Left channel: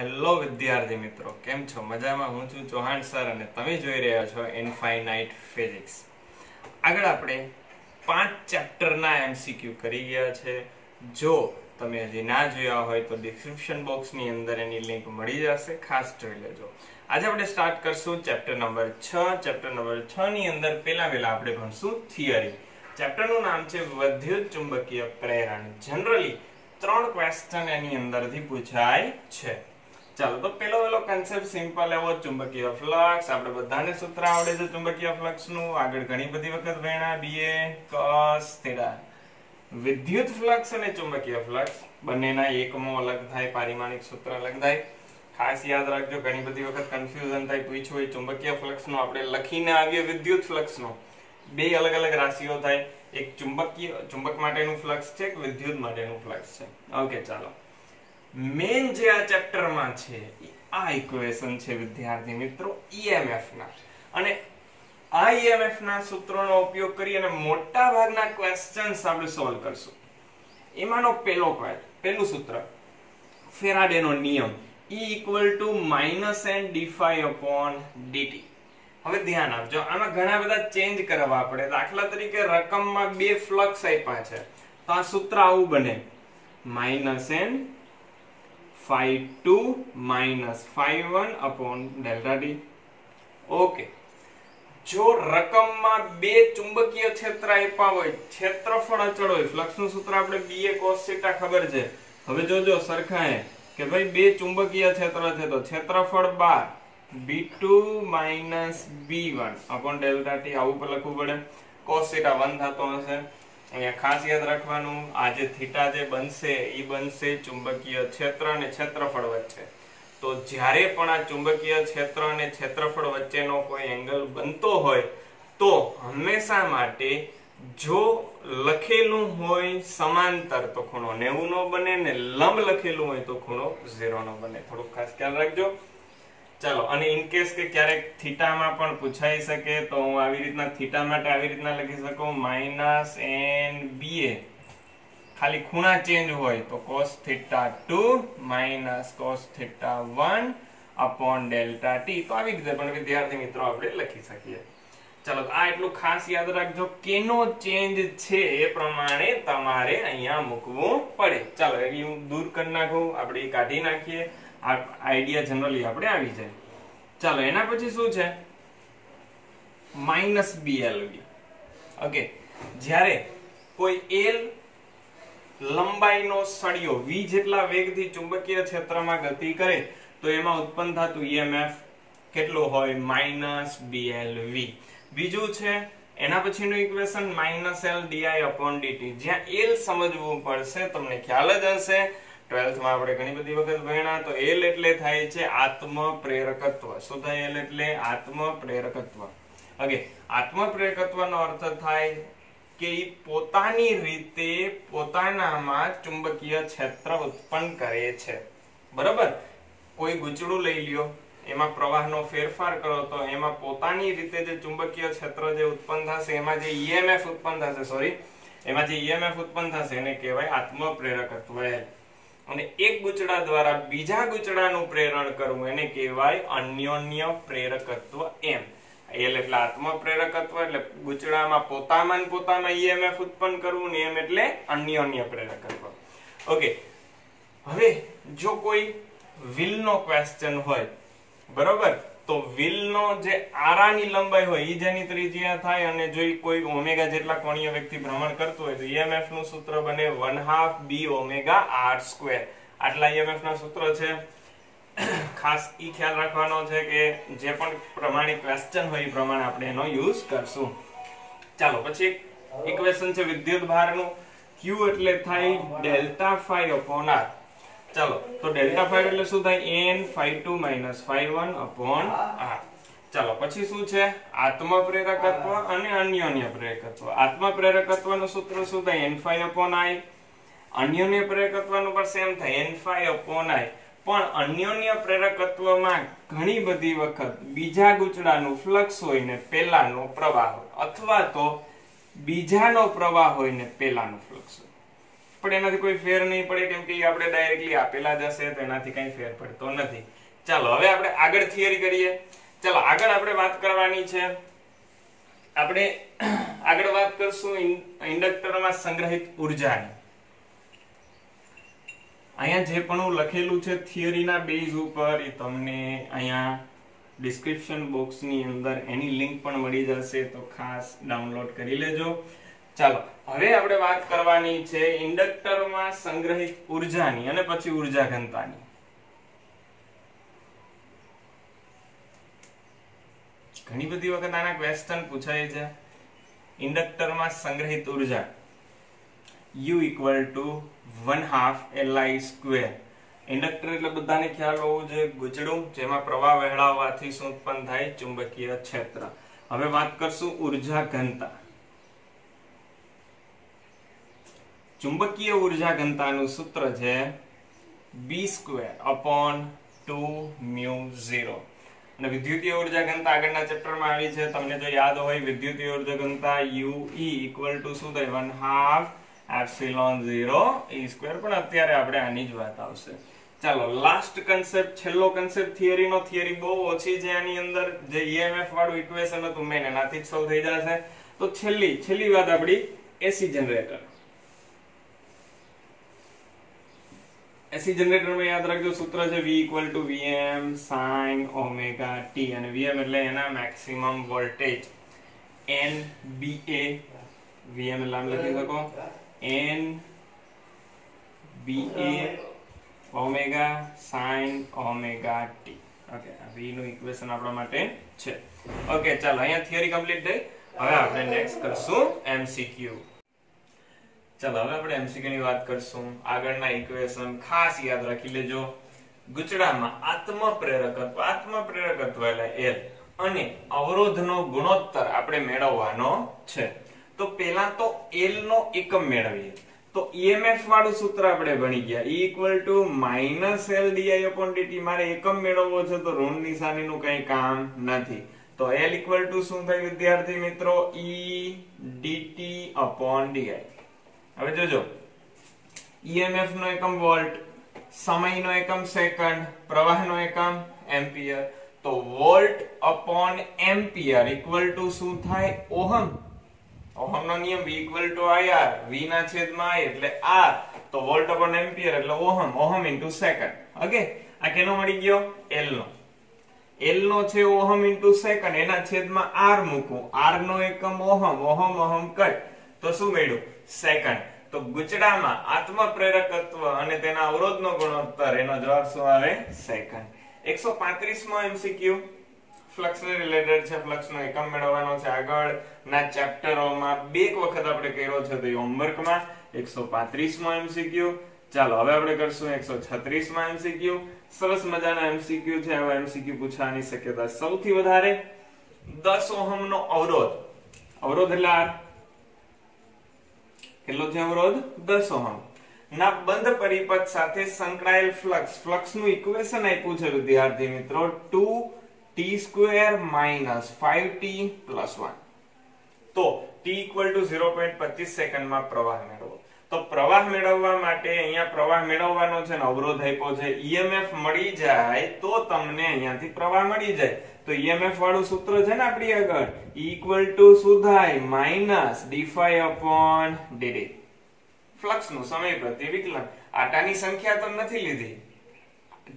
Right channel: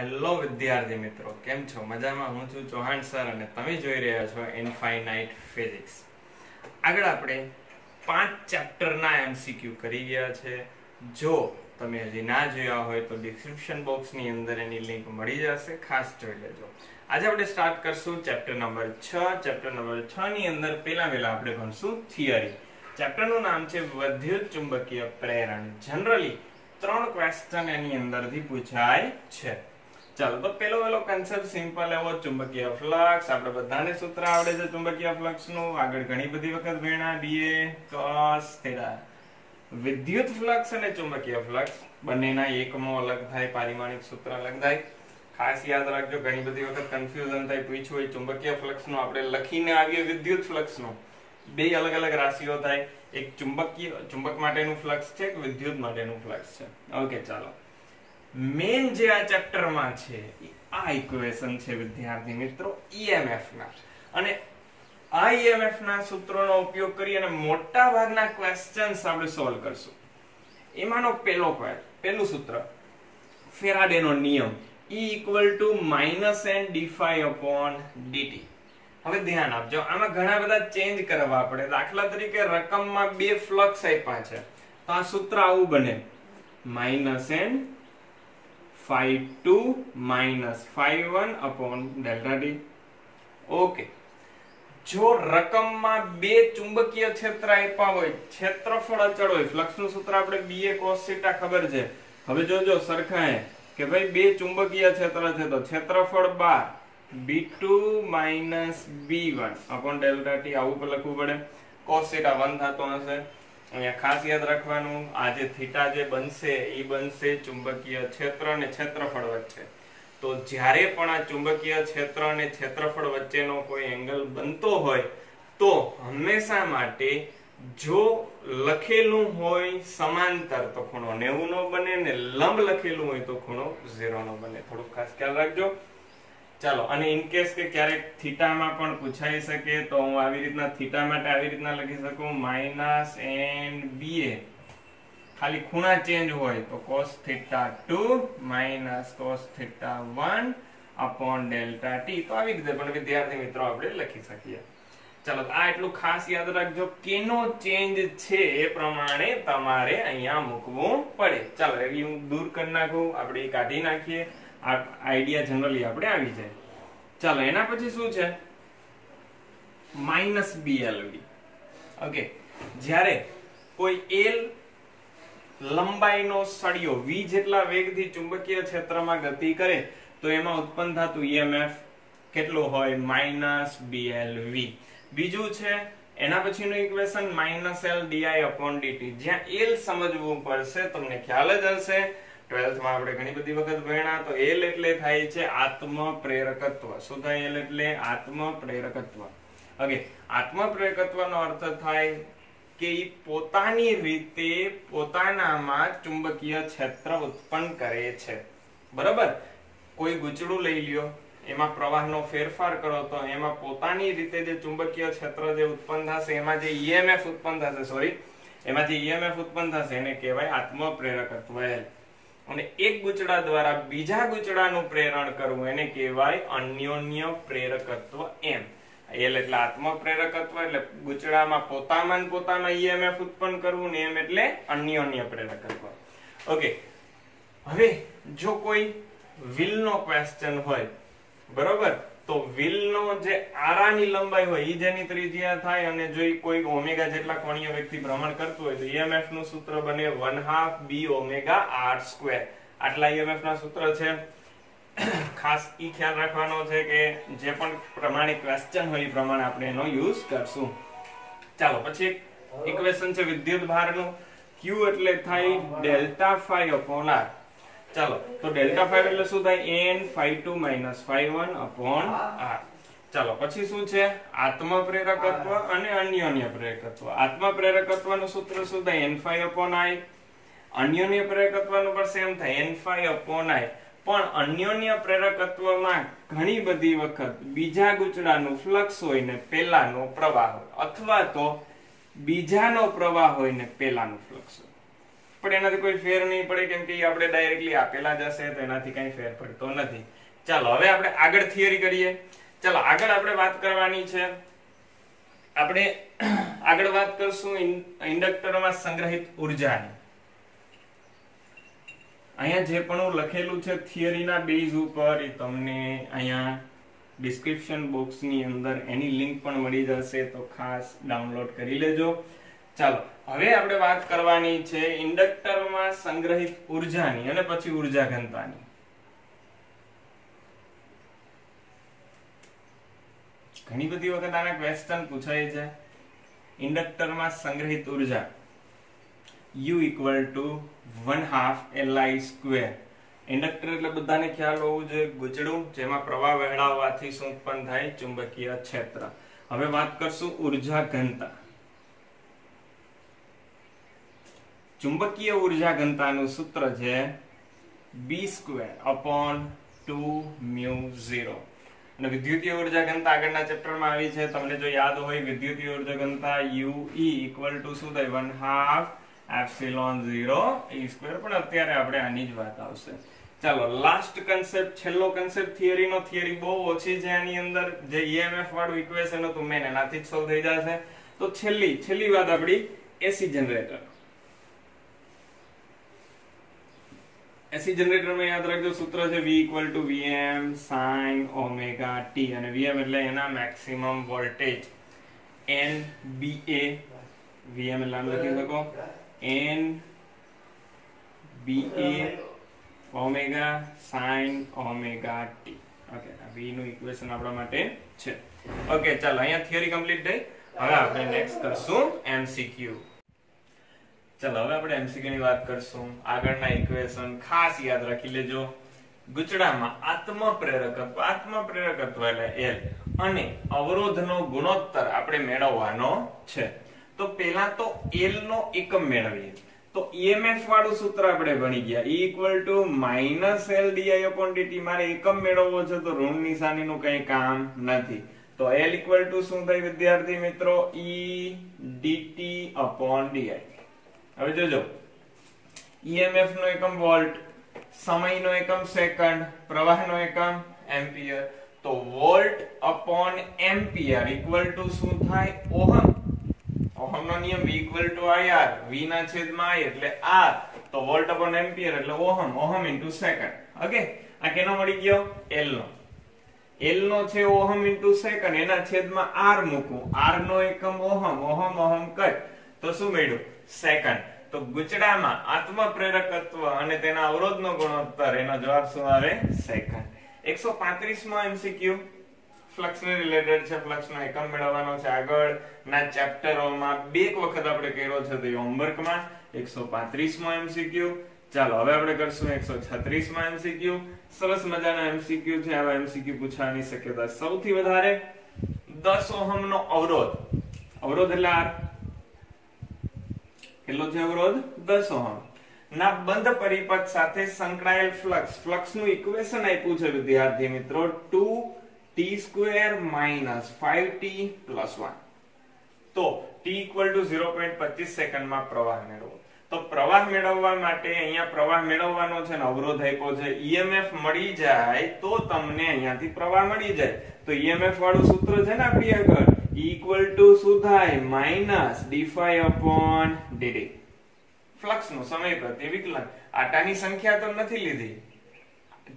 Hello વિદ્યાર્થી મિત્રો, કેમ છો? મજામાં? હું છું ચૌહાણ સર અને તમે જોઈ રહ્યા છો ઇનફાઇનાઇટ ફિઝિક્સ. આગળ આપણે 5 ચેપ્ટરના એમસીક્યુ કરી ગયા છે. જો તમે હજી ના જોયા હોય તો ડિસ્ક્રિપ્શન બોક્સની અંદર એની લિંક મળી જશે, ખાસ જોઈ લેજો. આજે આપણે સ્ટાર્ટ કરશું ચેપ્ટર નંબર 6. ચેપ્ટર નંબર 6 ની અંદર પહેલા આપણે ભણશું થિયરી. ચેપ્ટરનું નામ છે વિદ્યુત ચુંબકીય પ્રેરણ. જનરલી 3 ક્વેશ્ચન એની અંદરથી પૂછાય છે. ચાલો, તો પેલો કન્સેપ્ટ સિમ્પલ એવો, ચુંબકીય ફ્લક્સ. આપણે બધાને સૂત્ર આવડે છે ચુંબકીય ફ્લક્સ નું, આગળ ઘણી બધી વખત ભણ્યા. BA cos θ. વિદ્યુત ફ્લક્સ અને ચુંબકીય ફ્લક્સ બંનેના એકમો અલગ થાય, પારિમાણિક સૂત્ર અલગ થાય. ખાસ યાદ રાખજો, ઘણી બધી વખત કન્ફ્યુઝન થાય. પૂછ્યું હોય ચુંબકીય ફ્લક્સ નો, આપણે લખીને આવીએ વિદ્યુત ફ્લક્સ નો. બે અલગ અલગ રાશિઓ થાય. એક ચુંબક માટેનું ફ્લક્સ છે, એક વિદ્યુત માટેનું ફ્લક્સ છે. ઓકે, ચાલો. મેન જે આ ચેપ્ટરમાં છે આ ઇક્વેશન છે વિદ્યાર્થી મિત્રો EMF ના, અને આ EMF ના સૂત્રોનો ઉપયોગ કરી અને મોટા ભાગના ક્વેશ્ચન્સ આપણે સોલ્વ કરશું. એમાંનો પહેલું સૂત્ર ફેરાડેનો નિયમ E = -n dϕ/dt. હવે ધ્યાન આપજો, આમાં ઘણા બધા ચેન્જ કરવા પડે. દાખલા તરીકે રકમમાં બે ફ્લક્સ આપ્યા છે, તો આ સૂત્ર આવું બને: -n ϕ2 - ϕ1/ΔT. ઓકે, જો રકમમાં બે ચુંબકીય ક્ષેત્ર આપ્યા હોય, ક્ષેત્રફળ અચળ હોય, ફ્લક્સ નું સૂત્ર આપણે BA cos θ ખબર છે. હવે જોજો સરખાએ કે ભાઈ બે ચુંબકીય ક્ષેત્ર છે, તો ક્ષેત્રફળ 12 B2 - B1/ΔT આવું લખવું પડે. cos θ 1 થતો હશે. અહીંયા ખાસ યાદ રાખવાનું, આ જે થીટા જે બનશે એ બનશે ચુંબકીય ક્ષેત્ર અને ક્ષેત્રફળ વચ્ચે. તો જ્યારે પણ આ ચુંબકીય ક્ષેત્ર અને ક્ષેત્રફળ વચ્ચેનો કોઈ એંગલ બનતો હોય તો હંમેશા માટે જો લખેલું હોય સમાંતર તો ખૂણો 90 નો બને, ને લંબ લખેલું હોય તો ખૂણો 0 નો બને. થોડું ખાસ ખ્યાલ રાખજો. ચાલો, અને ઇન કેસ કે ક્યારેક થીટામાં પણ પૂછાઈ શકે, તો હું આવી રીતના થીટા માટે આવી રીતના લખી શકું -nBA. ખાલી ખૂણા ચેન્જ હોય તો cos θ2 - cos θ1/ΔT. તો આવી રીતે પણ વિદ્યાર્થી મિત્રો આપણે લખી શકીએ. ચાલો, આ એટલું ખાસ યાદ રાખજો, કેનો ચેન્જ છે એ પ્રમાણે તમારે અહીંયા મૂકવું પડે. ચાલો, એટલે હું દૂર કરી નાખું, આપણે કાઢી નાખીએ. આઈડિયા જનરલી આપણે આવી જાય. ચાલો, એના પછી શું છે? -BLV. ઓકે, જ્યારે કોઈ L લંબાઈનો સળિયો V જેટલા વેગથી ચુંબકીય ક્ષેત્રમાં ગતિ કરે તો એમાં ઉત્પન્ન થતું EMF કેટલું હોય? -BLV. બીજું છે એના પછીનું ઇક્વેશન -L dI/dt. જ્યાં L સમજવું પડશે, તમને ખ્યાલ જ હશે, 12th માં આપણે ઘણી બધી વખત ભણ્યા. તો L એટલે થાય છે આત્મપ્રેરકત્વ. શું થાય L એટલે? આત્મપ્રેરકત્વ. ઓકે, આત્મપ્રેરકત્વનો અર્થ થાય કે પોતાની રીતે પોતાનામાં ચુંબકીય ક્ષેત્ર ઉત્પન્ન કરે છે. બરોબર? કોઈ ગુચડું લઈ લ્યો, એમાં પ્રવાહનો ફેરફાર કરો તો એમાં પોતાની રીતે જે ચુંબકીય ક્ષેત્ર જે ઉત્પન્ન થશે, એમાં જે EMF ઉત્પન્ન થશે એને કહેવાય આત્મપ્રેરકત્વ. અને એક ગુચડા દ્વારા બીજા ગુચડાનું પ્રેરણ કરવું એને કહેવાય અન્યોન્ય પ્રેરકત્વ. એમ L એટલે આત્મપ્રેરકત્વ, એટલે ગુચડામાં પોતામાં EMF ઉત્પન્ન કરવું, ને એમ એટલે અન્યોન્ય પ્રેરકત્વ. ઓકે, હવે જો કોઈ વ્હીલનો ક્વેશ્ચન હોય, બરોબર, તો વ્હીલનો જે આરાની લંબાઈ હોય એ જેની ત્રિજ્યા થાય, અને જો કોઈ ઓમેગા જેટલા કોણીય વેગથી ભ્રમણ કરતું હોય તો EMF નું સૂત્ર બને 1/2 B⍵r². આટલા EMF ના સૂત્ર છે. ખાસ ઈ ખ્યાલ રાખવાનો છે કે જે પણ પ્રમાણિક ક્વેશ્ચન હોય એ પ્રમાણે આપણે એનો યુઝ કરશું. ચાલો, પછી ઇક્વેશન છે વિદ્યુત ભારનું. Q એટલે થાય ΔΦ/r. ચાલો, તો ΔΦ એટલે શું થાય? n ϕ2 - ϕ1/r. ચાલો, પછી શું છે? આત્મપ્રેરકત્વ અને અન્યોન્ય પ્રેરકત્વ. આત્મપ્રેરકત્વનું સૂત્ર શું થાય? n⁵/I. અન્યોન્ય પ્રેરકત્વનું પણ સેમ થાય n⁵/I. પણ અન્યોન્ય પ્રેરકત્વમાં ઘણી બધી વખત બીજા ગુચડાનું ફ્લક્સ હોય ને પેલાનો પ્રવાહ હોય, અથવા તો બીજાનો પ્રવાહ હોય ને પેલાનો ફ્લક્સ હોય. પણ એનાથી કોઈ ફેર નહીં પડે કેમ કે આપણે ડાયરેક્ટલી આપેલા જ હશે તો એનાથી કઈ ફેર પડતો નથી. ચાલો હવે આપણે આગળ થિયરી કરીએ. ચાલો આગળ આપણે વાત કરવાની છે, આપણે આગળ વાત કરશું ઇન્ડક્ટરમાં સંગ્રહિત ઉર્જાની. અહીંયા જે પણ લખેલું છે થિયરીના બેઝ ઉપર એ તમને અહીંયા ડિસ્ક્રિપ્શન બોક્સની અંદર એની લિંક પણ મળી જશે, તો ખાસ ડાઉનલોડ કરી લેજો. ચાલો હવે આપણે વાત કરવાની છે ઇન્ડક્ટરમાં સંગ્રહિત ઉર્જાની અને પછી ઉર્જા ઘનતાની. ઘણી બધી વખત આના ક્વેશ્ચન પૂછાય છે. ઇન્ડક્ટરમાં સંગ્રહિત ઉર્જા U = 1/2 Li². ઇન્ડક્ટર એટલે બધાને ખ્યાલ હોવું જોઈએ ગુચડું જેમાં પ્રવાહ વહેલાવવાથી શું ઉત્પન્ન થાય? ચુંબકીય ક્ષેત્ર. હવે વાત કરશું ઉર્જા ઘનતા. ચુંબકીય ઉર્જા ઘનતાનું સૂત્ર છે B²/2μ0. અને વિદ્યુતીય ઉર્જા ઘનતા આગળના ચેપ્ટરમાં આવી છે, તમને જો યાદ હોય વિદ્યુતીય ઉર્જા ઘનતા UE = શું થાય? 1/2 ε0 E². પણ અત્યારે આપણે આની જ વાત આવશે. ચાલો લાસ્ટ કન્સેપ્ટ, છેલ્લો કન્સેપ્ટ થિયરીનો. થિયરી બહુ ઓછી છે આની અંદર, જે EMF વાળું ઇક્વેશન હતું મેન એનાથી જ સોલ્વ થઈ જશે. તો છેલ્લી વાત આપણી એસી જનરેટર. એસી જનરેટરમાં યાદ રાખજો સૂત્ર છે V = Vm sin ωt. અને Vm એટલે એના મેક્સિમમ વોલ્ટેજ, NBA Vm એટલે આમ લખી શકો NBA omega sin ωt. Okay, આ V નું ઇક્વેશન આપણા માટે છે. ઓકે ચાલો અહીંયા થિયરી કમ્પ્લીટ થઈ. હવે આપણે નેક્સ્ટ કરશું MCQ. ચાલો હવે આપણે MCQ ની વાત કરશું. આગળના ઇક્વેશન ખાસ યાદ રાખી લેજો. ગુચડામાં આત્મપ્રેરકત્વ એટલે L અને અવરોધનો ગુણોત્તર આપણે મેળવવાનો છે. તો પહેલા તો L નો એકમ મેળવીએ. તો EMF વાળું સૂત્ર આપણે ભણી ગયા, E = -LdI/dt. મારે એકમ મેળવવો છે તો ઋણ નિશાનીનું કંઈ કામ નથી. તો L = શું થાય વિદ્યાર્થી મિત્રો? E dt/di. હવે જોજો, EMF નો એકમ વોલ્ટ, સમયનો એકમ સેકન્ડ, પ્રવાહનો એકમ એમ્પિયર. તો વોલ્ટ/એમ્પિયર = શું થાય? ઓહમ. ઓહમનો નિયમ V = IR, V ના છેદમાં I એટલે R. તો વોલ્ટ/એમ્પિયર એટલે ઓહમ, ઓહમ * સેકન્ડ. ઓકે, આ કેનો મળી ગયો? L નો. L નો છે ઓહમ * સેકન્ડ, એના છેદમાં R મૂકવું. R નો એકમ ઓહમ, ઓહમ કર તો શું મળ્યું? સેકન્ડ. તો ગુચડામાં આત્મપ્રેરકત્વ અને તેના અવરોધનો ગુણોત્તર, એનો જવાબ શું આવે? સેકન્ડ. 135 માં MCQ ફ્લક્સ ને રિલેટેડ છે. ફ્લક્સ નો એકમ મેળવવાનો છે. આગળના ચેપ્ટરોમાં બે વખત આપણે કર્યો છે, તો હોમવર્કમાં 135 માં MCQ. ચાલો હવે આપણે કરશું 136 માં MCQ. સરસ મજાના MCQ છે. આવા MCQ પૂછવાની શક્યતા સૌથી વધારે. 10 ઓહમ નો અવરોધ, અવરોધ એટલે R. કેટલો છે અવરોધ? 10 ઓહમ ના બંધ પરિપથ સાથે સંકળાયેલ ફ્લક્સ. ફ્લક્સ નું ઇક્વેશન આપ્યું છે વિદ્યાર્થી મિત્રો 2t² - 5t + 1. તો t = 0.25 સેકન્ડમાં પ્રવાહ મેળવો. તો પ્રવાહ મેળવવા માટે અહીંયા પ્રવાહ મેળવવાનો છે ને અવરોધ આપ્યો છે. EMF મળી જાય તો તમને અહીંયાથી પ્રવાહ મળી જાય. તો EMF વાળું સૂત્ર છે ને આપણી આગળ, E = શું થાય? -dϕ/dt. ફ્લક્સ નું સમય પ્રતિ વિકલન. આટાની સંખ્યા તો નથી લીધી,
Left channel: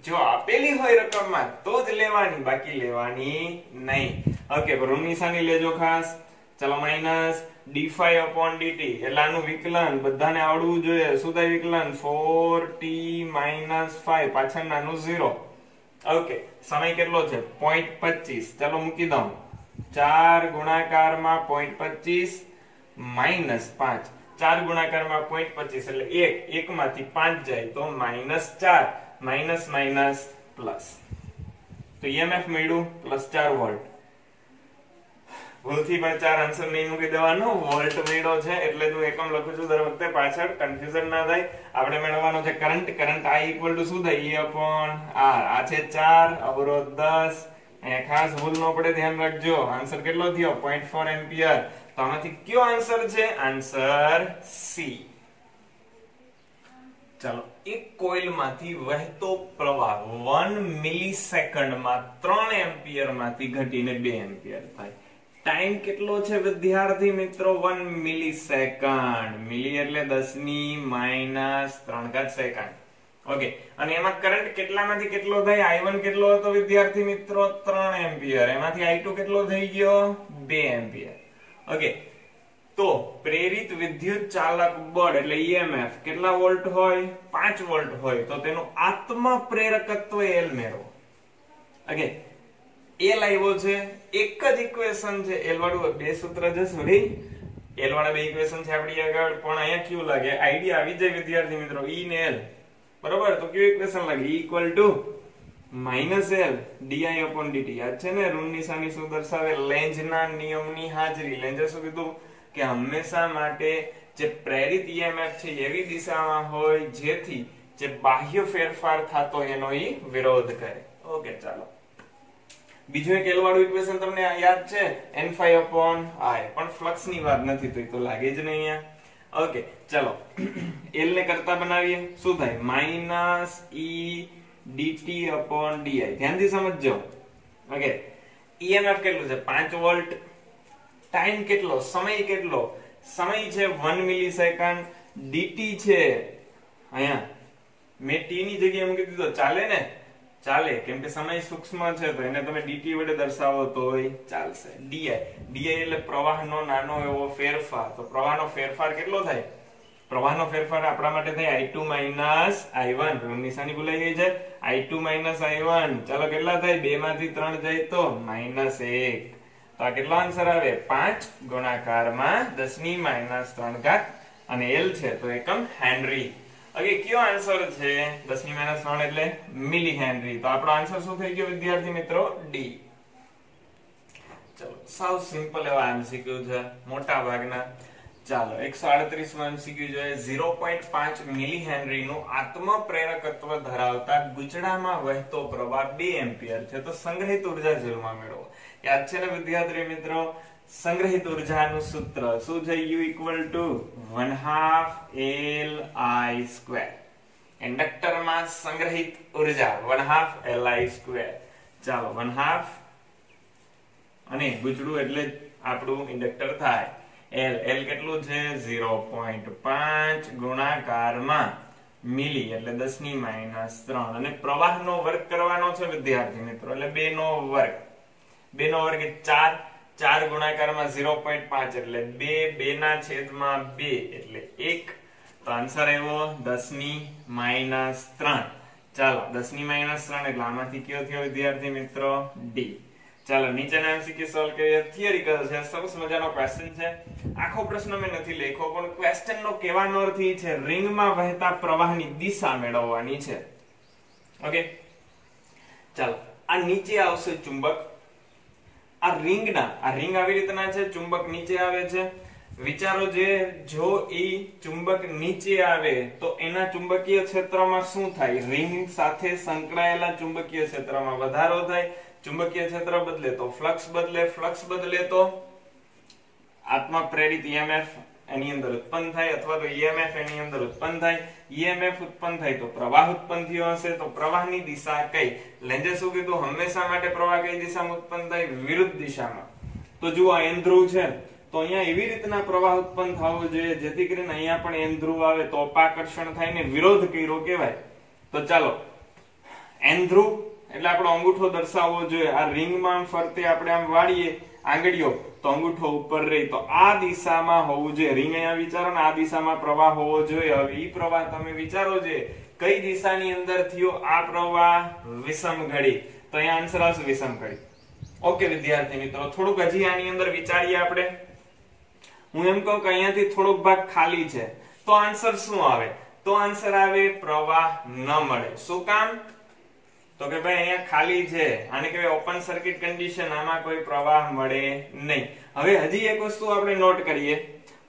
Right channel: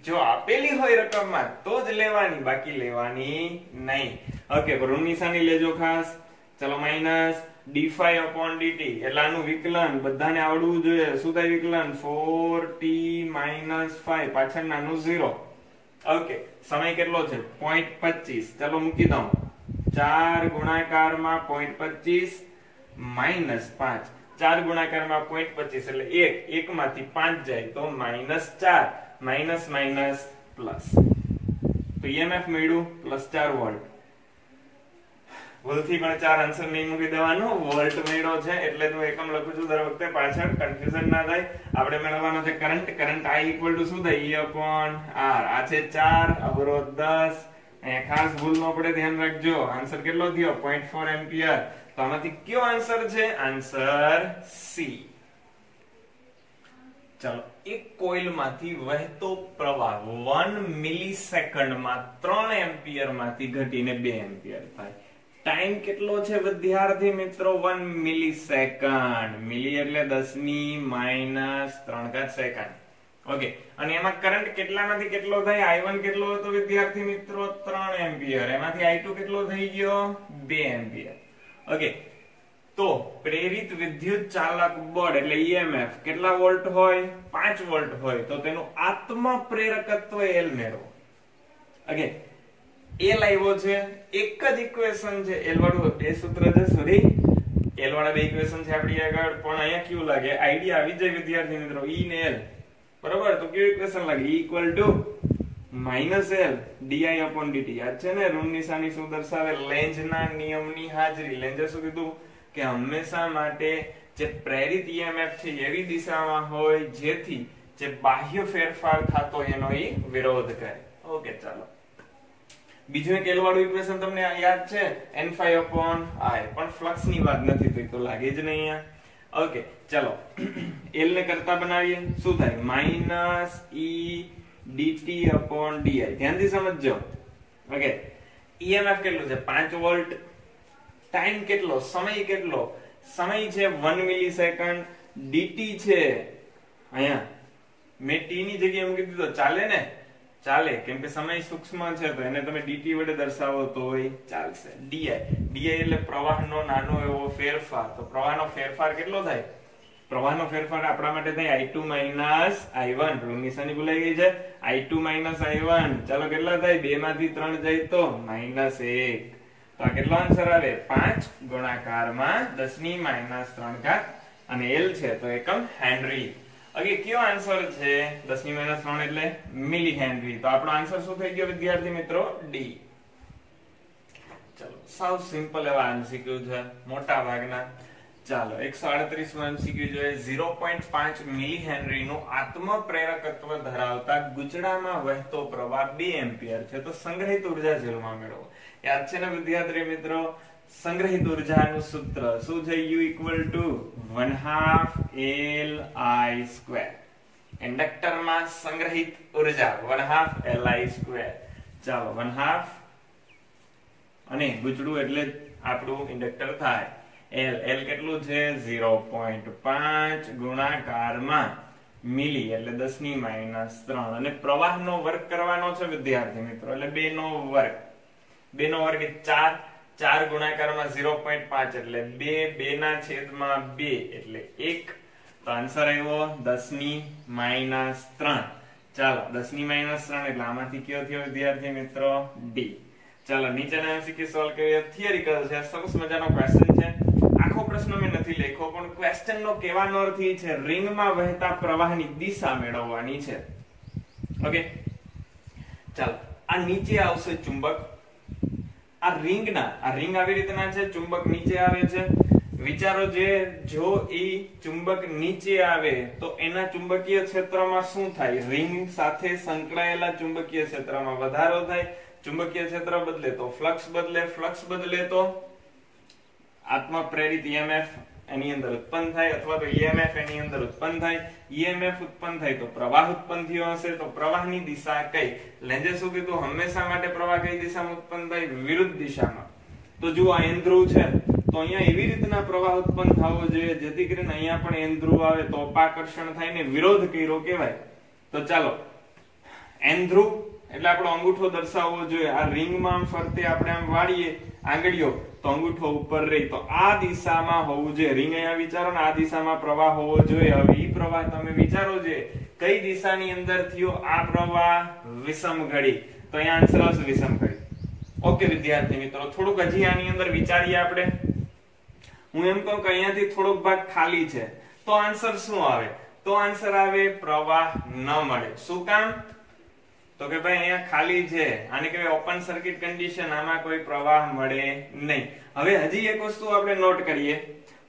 જો આપેલી હોય રકમમાં તો જ લેવાની, બાકી લેવાની નહીં. ઓકે, ઋણ નિશાની લેજો ખાસ. ચલો -dϕ/dt એટલે આનું વિકલન બધાને આવડવું જોઈએ. શું થાય વિકલન? 4t - 5 પાછળનાનું 0. ઓકે, સમય કેટલો છે? 0.25. ચલો મૂકી દઉં. 4 ગુણાકારમાં 0.25 - 5. 4 ગુણાકારમાં 0.25 એટલે 1. 1 માંથી 5 જાય તો -4. Minus plus. તો EMF મળ્યું +4 વોલ્ટ. ભૂલથી પણ 4 આન્સર નહીં મૂકી દેવાનો, વોલ્ટ મળ્યો છે એટલે હું એકમ લખું છું દર વખતે, પાછળ કન્ફ્યુઝન ના થાય. આપણે મેળવવાનો છે કરંટ. કરંટ I = શું થાય? E/R. આ છે 4, અવરોધ 10. અહીંયા ખાસ ભૂલ ન પડે, ધ્યાન રાખજો. આન્સર કેટલો થયો? 0.4 એમ્પિયર. તો આમાંથી કયો આન્સર છે? Answer C. ચાલો, એક કોઇલમાંથી વહેતો પ્રવાહ 1 મિલિસેકન્ડમાં 3 એમ્પિયર માંથી ઘટીને 2 એમ્પિયર થાય. ટાઈમ કેટલો છે વિદ્યાર્થી મિત્રો? 1 મિલિસેકન્ડ. મિલી એટલે 10 ની -3 સેકન્ડ. ઓકે, અને એમાં કરંટ કેટલામાંથી કેટલો થાય? I1 કેટલો હતો વિદ્યાર્થી મિત્રો? 3 એમ્પિયર. એમાંથી I2 કેટલો થઈ ગયો? 2 એમ્પિયર. ઓકે, તો પ્રેરિત વિદ્યુત ચાલક બળ એટલે EMF કેટલા વોલ્ટ હોય? 5 વોલ્ટ હોય. તો તેનું આત્મ પ્રેરકત્વ L મેળવો. ઓકે, L આવ્યો છે, એક જ ઇક્વેશન છે. L વાળું બે સૂત્ર છે, સોરી L વાળા બે ઇક્વેશન છે આપણી આગળ, પણ અહીંયા કેવું લાગે? આઈડિયા આવી જાય વિદ્યાર્થી મિત્રો, E ને L. બરોબર, તો કેવું ઇક્વેશન લાગે? E = -L di/dt. યાદ છે ને? ઋણ નિશાની શું દર્શાવે? લેન્ઝના નિયમની હાજરી. લેન્ઝે શું કીધું કે હંમેશા માટે જે પ્રેરિત EMF છે એવી દિશામાં હોય જેથી જે બાહ્ય ફેરફાર થતો એનો એ વિરોધ કરે. ઓકે, ચાલો, બીજું એક L વાળું ઇક્વેશન તમને યાદ છે, n∅I, પણ ફ્લક્સ ની વાત નથી થઈ તો લાગે જ નહીં અહીંયા. ઓકે, ચલો, L ને કરતા બનાવીએ. શું થાય? -E dt/di. ધ્યાનથી સમજજો. ઓકે, EMF કેટલું છે? 5 વોલ્ટ. ટાઈમ કેટલો? સમય કેટલો? સમય છે 1 મિલિસેકન્ડ. dt છે અહીંયા મેં t ની જગ્યાએ મૂકી દીધો, ચાલે ને? ચાલે, કેમ કે સમય સૂક્ષ્મ છે તો એને તમે dt વડે દર્શાવો તોય ચાલશે. di એટલે પ્રવાહનો નાનો એવો ફેરફાર. તો પ્રવાહનો ફેરફાર કેટલો થાય? પ્રવાહનો ફેરફાર આપણા માટે થાય I2 - I1. ઋણ નિશાની ભૂલાઈ ગઈ છે. I2 - I1. ચાલો, કેટલા થાય? 2 માંથી 3 જાય તો -1. તો આ કેટલો આન્સર આવે? 5 ગુણાકારમાં 10 ની -3 અને L છે તો એકમ હેનરી. ઓકે, કયો આન્સર છે? 10 ની -3 એટલે મિલી હેનરી. તો આપણો આન્સર શું થઈ ગયો વિદ્યાર્થી મિત્રો? D. ચલો, સાવ સિમ્પલ એવા MCQ છે મોટા ભાગના. ચાલો, 138 માં MCQ જોઈએ. 0.5 મિલી હેનરી નું આત્મ પ્રેરકત્વ ધરાવતા ગુચડામાં વહેતો પ્રવાહ 2 એમ્પિયર છે. તો સંગ્રહિત ઉર્જા જેલમાં મેળવો. યાદ છે ને વિદ્યાર્થી મિત્રો? સંગ્રહિત ઉર્જાનું સૂત્ર શું છે? U = 1/2 Li². ઇન્ડક્ટરમાં સંગ્રહિત ઉર્જા 1/2 Li². ચાલો, 1/2 અને ગુચડું એટલે આપણું ઇન્ડક્ટર થાય. L કેટલું છે? 0.5 ગુણાકારમાં મિલી એટલે 10 ની -3 અને પ્રવાહનો વર્ગ કરવાનો છે વિદ્યાર્થી મિત્રો, એટલે 2 નો વર્ગ. 2 નો વર્ગ 4. 4 ગુણાકારમાં 0.5 એટલે 2. 2 ના છેદમાં 2 એટલે 1. તો આન્સર આવ્યો 10 ની -3. ચાલો, 10 ની -3 એટલે આમાંથી કયો થયો વિદ્યાર્થી મિત્રો? D. ચાલો, નીચેના MCQ સોલ્વ કરીએ. થિયરિકલ છે, સરસ મજાનો ક્વેશ્ચન છે. આખો પ્રશ્ન મેં નથી લખ્યો, પણ ક્વેશ્ચન નો કહેવાનો અર્થ એ છે રિંગમાં વહેતા પ્રવાહની દિશા મેળવવાની છે. ઓકે, ચાલો, આ નીચે આવશે ચુંબક. આ રિંગ આવી રીતના છે, ચુંબક નીચે આવે છે. વિચારો, જો ઈ ચુંબક નીચે આવે તો એના ચુંબકીય ક્ષેત્રમાં શું થાય? રિંગ સાથે સંકળાયેલા ચુંબકીય ક્ષેત્રમાં વધારો થાય. ચુંબકીય ક્ષેત્ર બદલે તો ફ્લક્સ બદલે. ફ્લક્સ બદલે તો આત્મ પ્રેરિત EMF એની અંદર ઉત્પન્ન થાય, અથવા તો EMF એની અંદર ઉત્પન્ન થાય. EMF ઉત્પન્ન થાય તો પ્રવાહ ઉત્પન્ન થયો હશે. તો પ્રવાહની દિશા કઈ? લેન્ઝે શું કીધું? હંમેશા માટે પ્રવાહ કઈ દિશામાં ઉત્પન્ન થાય? વિરુદ્ધ દિશામાં. તો જુઓ, આ N ધ્રુવ છે તો અહીંયા એવી રીતના પ્રવાહ ઉત્પન્ન થવો જોઈએ જેથી કરીને અહીંયા પણ N ધ્રુવ આવે તો અપાકર્ષણ થાય ને વિરોધ કર્યો કહેવાય. તો ચાલો, N ધ્રુવ એટલે આપણો અંગૂઠો દર્શાવવો જોઈએ. આ રિંગમાં ફરતે આપણે આમ વાળીએ આંગળીઓ તો અંગૂઠો ઉપર રહી, તો આ દિશામાં હોવું જોઈએ. રિંગ અહીંયા વિચારો ને, આ દિશામાં પ્રવાહ હોવો જોઈએ. હવે ઈ પ્રવાહ તમે વિચારો છે કઈ દિશાની અંદર થયો આ પ્રવાહ? વિષમ ઘડી. તો અહીંયા આન્સર આવશે વિષમ ઘડી. ઓકે વિદ્યાર્થી મિત્રો, થોડુંક હજી આની અંદર વિચારીએ આપણે. હું એમ કહું કે અહીંયાથી થોડોક ભાગ ખાલી છે તો આન્સર શું આવે? તો આન્સર આવે પ્રવાહ ન મળે. શું કામ? તો કે ભાઈ અહીંયા ખાલી છે, આને કહેવાય ઓપન સર્કિટ કન્ડિશન. આમાં કોઈ પ્રવાહ મળે નહીં. હવે હજી એક વસ્તુ આપણે નોટ કરીએ.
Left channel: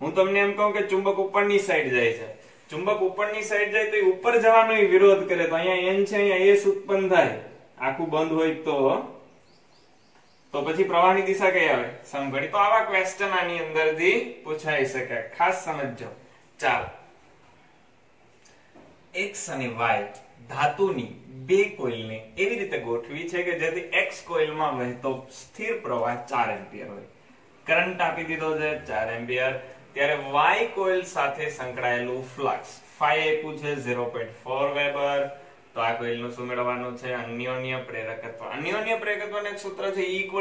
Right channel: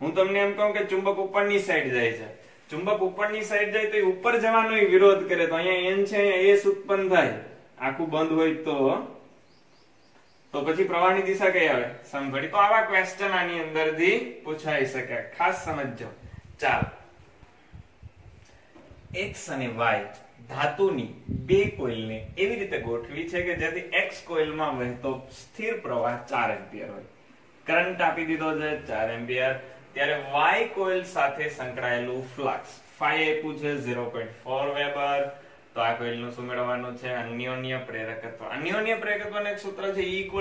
હું તમને એમ કહું કે ચુંબક ઉપરની સાઈડ જાય છે. ચુંબક ઉપરની સાઈડ જાય તો એ ઉપર જવાનો વિરોધ કરે. તો અહીંયા N છે, અહીંયા S ઉત્પન્ન થાય. આખું બંધ હોય તો પછી પ્રવાહની દિશા કઈ આવે? સમઘડી. તો આવા ક્વેશ્ચન આની અંદરથી પૂછાઈ શકે, ખાસ સમજજો. ચાલો, x અને y ધાતુની બે કોઇલને એવી રીતે ગોઠવી છે કે જેથી x કોઇલમાં વહેતો સ્થિર પ્રવાહ 4 એમ્પિયર હોય. કરંટ આપી દીધો છે 4 એમ્પિયર. ત્યારે y કોઇલ સાથે સંકળાયેલું ફ્લક્સ phi આપ્યું છે 0.4 વેબર. તો આ કોઇલનું શું મેળવવાનું છે? અન્યોન્ય પ્રેરકત્વ. અન્યોન્ય પ્રેરકત્વનું એક સૂત્ર છે E =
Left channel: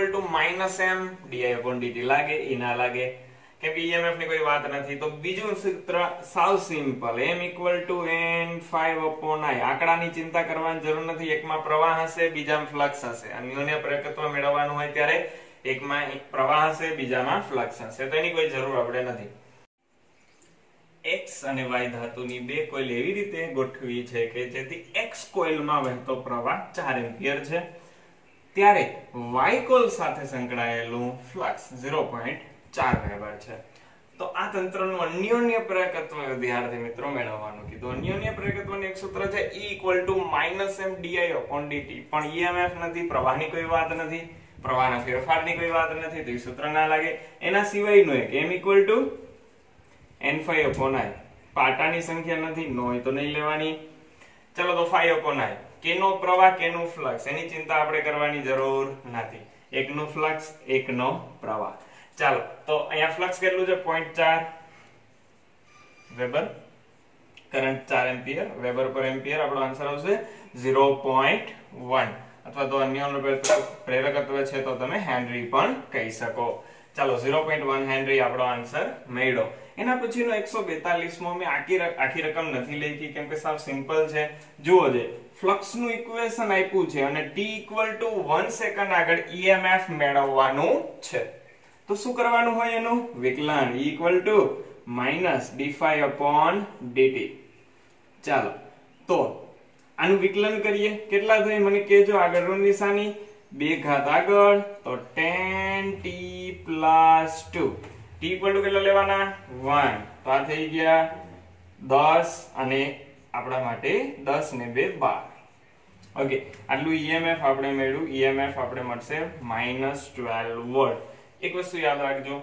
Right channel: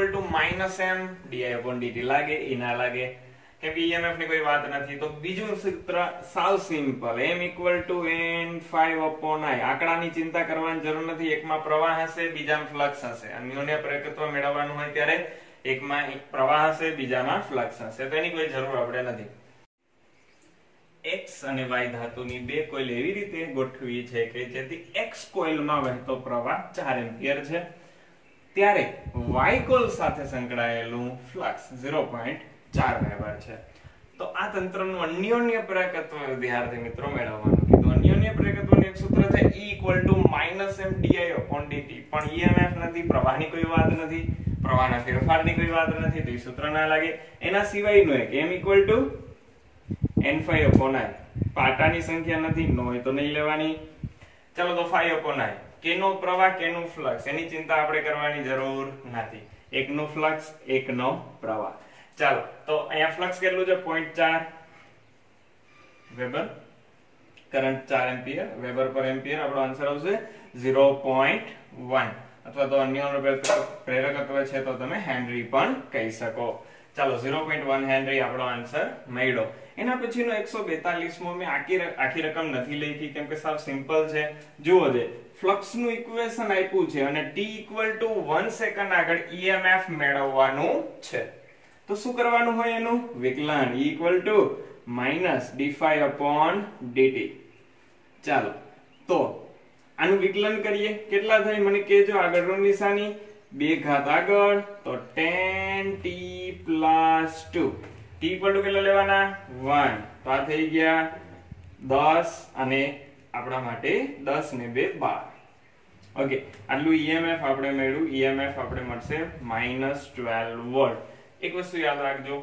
m di/dt. લાગે એ ના લાગે કેમ કે EMF ની કોઈ વાત નથી. તો બીજું સૂત્ર સાવ સિમ્પલ, m = n⁵/I. આંકડાની ચિંતા કરવાની જરૂર નથી. એકમાં પ્રવાહ હશે, બીજામાં ફ્લક્સ હશે. અન્યોન્ય પ્રેરકત્વ મેળવવાનું હોય ત્યારે એકમાં એક પ્રવાહ હશે, બીજામાં ફ્લક્સ હશે. તો એની કોઈ જરૂર આપણે નથી. x અને y ધાતુની બે કોઇલ એવી રીતે ગોઠવી છે કે જેથી x કોઇલમાં વહેતો પ્રવાહ 4 એમ્પિયર છે. ત્યારે y કોઇલ સાથે સંકળાયેલું ફ્લક્સ 0.4 વેબર છે. તો આ તંત્રનું અન્યોન્ય પ્રેરકત્વ વિદ્યાર્થી મિત્રો મેળવવાનું કીધું. અન્યોન્ય પ્રેરકત્વનું એક સૂત્ર છે E = m di/dt. પણ EMF નથી, પ્રવાહની કોઈ વાત નથી, પ્રવાહના ફેરફારની કોઈ વાત નથી, તો એ સૂત્ર ના લાગે. એના સિવાયનું એક m = n⁵/I. પાટાની સંખ્યા નથી, નો હોય તો નહીં લેવાની. ચલો તો phi/I. કેનો પ્રવાહ કેનું ફ્લક્સ એની ચિંતા આપણે કરવાની જરૂર નથી. એકનું ફ્લક્સ એકનો પ્રવાહ. ચાલો તો અહીંયા ફ્લક્સ કેટલું છે? 0.4 વેબર. Current 4 ampere. વેબર પર એમ્પિયર. આપણો આન્સર આવશે 0.1 અથવા તો અન્યોન્ય પ્રેરકત્વ છે તો તમે હેનરી પણ કહી શકો. ચાલો 0.1 હેનરી આપણો આન્સર મળ્યો. એના પછીનો 142મો મેં આખી રકમ નથી લખી કેમ કે સાવ સિમ્પલ છે. જુઓ છે ફ્લક્સ નું ઇક્વેશન આપ્યું છે અને t = 1 સેકન્ડ આગળ EMF મેળવવાનું છે. તો શું કરવાનું હોય? એનું વિકલન E = -d⁵/dt. ચાલો તો આનું વિકલન કરીએ. કેટલા થાય મને કહેજો. આગળની નિશાની 2 ઘાત આગળ તો 10t + 2. t = કેટલા લેવાના? 1. તો આ થઈ ગયા 10 અને આપણા માટે 10 ને 2 12. ઓકે, આટલું EMF આપણે મેળવ્યું. EMF આપણે મળશે -12 વોલ્ટ. એક વસ્તુ યાદ રાખજો,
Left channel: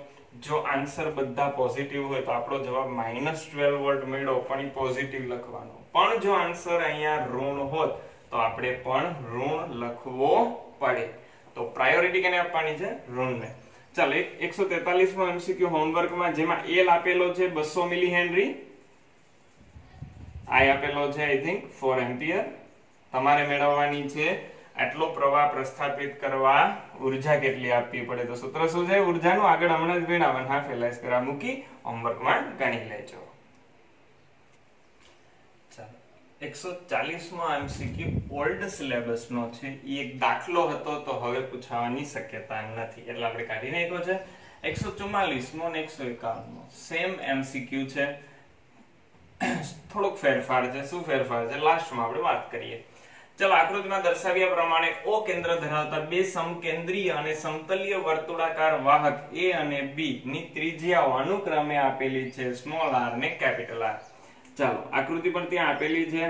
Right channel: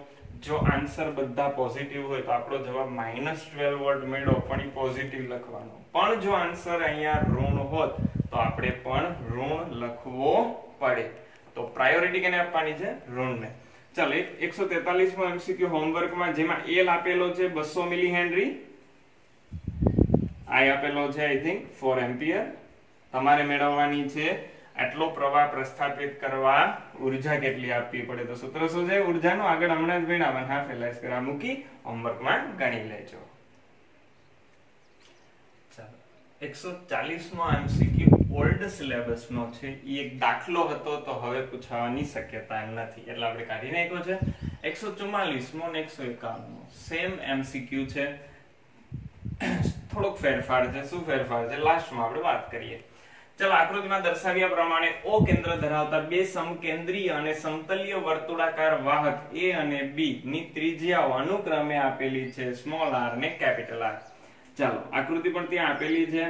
જો આન્સર બધા પોઝિટિવ હોય તો આપણો જવાબ -12 વોલ્ટ મળ્યો પણ એ પોઝિટિવ લખવાનો. પણ જો આન્સર અહીંયા ઋણ હોત તો આપણે પણ ઋણ લખવો પડે. તો પ્રાયોરિટી કેને આપવાની છે? ઋણને. ચાલો 143મો MCQ હોમવર્કમાં જેમાં L આપેલો છે 200 મિલી હેનરી, I આપેલો છે આઈ થિંક 4 એમ્પિયર. તમારે મેળવવાની છે આટલો પ્રવાહ પ્રસ્થાપિત કરવા ઉર્જા કેટલી આપવી પડે. તો સૂત્ર શું છે ઉર્જાનું? આગળ હમણાં જ ગણાવવાનું. હા, ફેલાઈસ કરવા મૂકી હોમવર્કમાં ગણી લેજો. ચાલો 140મો MCQ ઓલ્ડ સિલેબસ નો છે. એ એક દાખલો હતો તો હવે પૂછવાની શક્યતા નથી એટલે આપણે કાઢી નાખ્યો છે. 144મો અને 151મો સેમ MCQ છે. થોડોક ફેરફાર છે. શું ફેરફાર છે લાસ્ટમાં આપણે વાત કરીએ. ચલો આકૃતિમાં દર્શાવ્યા પ્રમાણે O કેન્દ્ર ધરાવતા બે સમકેન્દ્રીય અને સમતલીય વર્તુળાકાર વાહક A અને B ની ત્રિજ્યાઓ અનુક્રમે આપેલી છે સ્મોલ r ને કેપિટલ R. ચાલો આકૃતિ પણ ત્યાં આપેલી છે.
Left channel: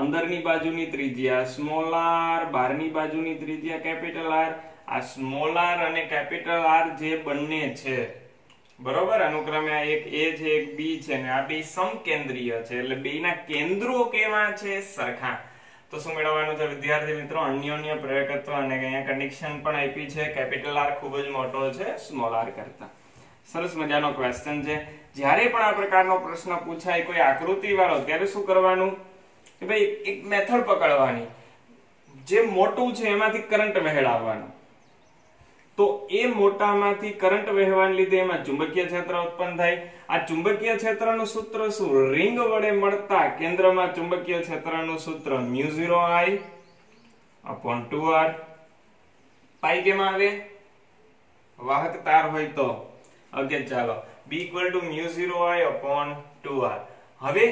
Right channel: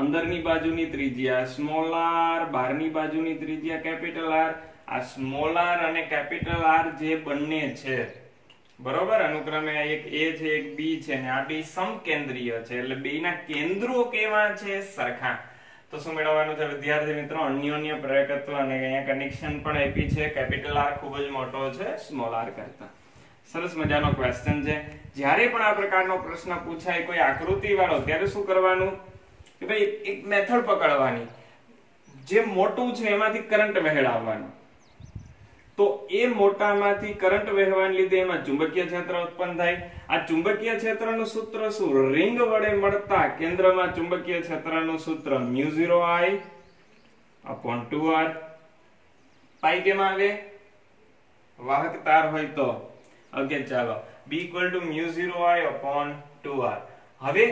અંદરની બાજુની ત્રિજ્યા સ્મોલ r, બહારની બાજુની ત્રિજ્યા કેપિટલ R. આ સ્મોલ r અને કેપિટલ R જે બંને છે બરોબર અનુક્રમે એક A છે એક B છે અને આ બે સમકેન્દ્રીય છે એટલે બેના કેન્દ્રો કેવા છે? સરખા. તો શું મેળવવાનું છે વિદ્યાર્થી મિત્રો? અન્યોન્ય પ્રેરકત્વ. અને અહીંયા કનેક્શન પણ આપી છે. કેપિટલ R ખૂબ જ મોટો છે સ્મોલ r કરતા. સરસ મજાનો ક્વેશ્ચન છે. જ્યારે પણ આ પ્રકારનો પ્રશ્ન પૂછાય કોઈ આકૃતિ વાળો ત્યારે શું કરવાનું કે ભાઈ એક મેથડ પકડવાની. જે મોટું છે એમાંથી કરંટ વહેડાવવાનો. તો એ મોટામાંથી કરંટ વહેવાને લીધે એમાં ચુંબકીય ક્ષેત્ર ઉત્પન્ન થાય. આ ચુંબકીય ક્ષેત્રનું સૂત્ર શું? રિંગ વડે મળતા કેન્દ્રમાં ચુંબકીય ક્ષેત્રનું સૂત્ર μ0I/2r. પાઈ કેમાં આવે? વાહક તાર હોય તો. ઓકે ચાલો B = μ0I/2r. હવે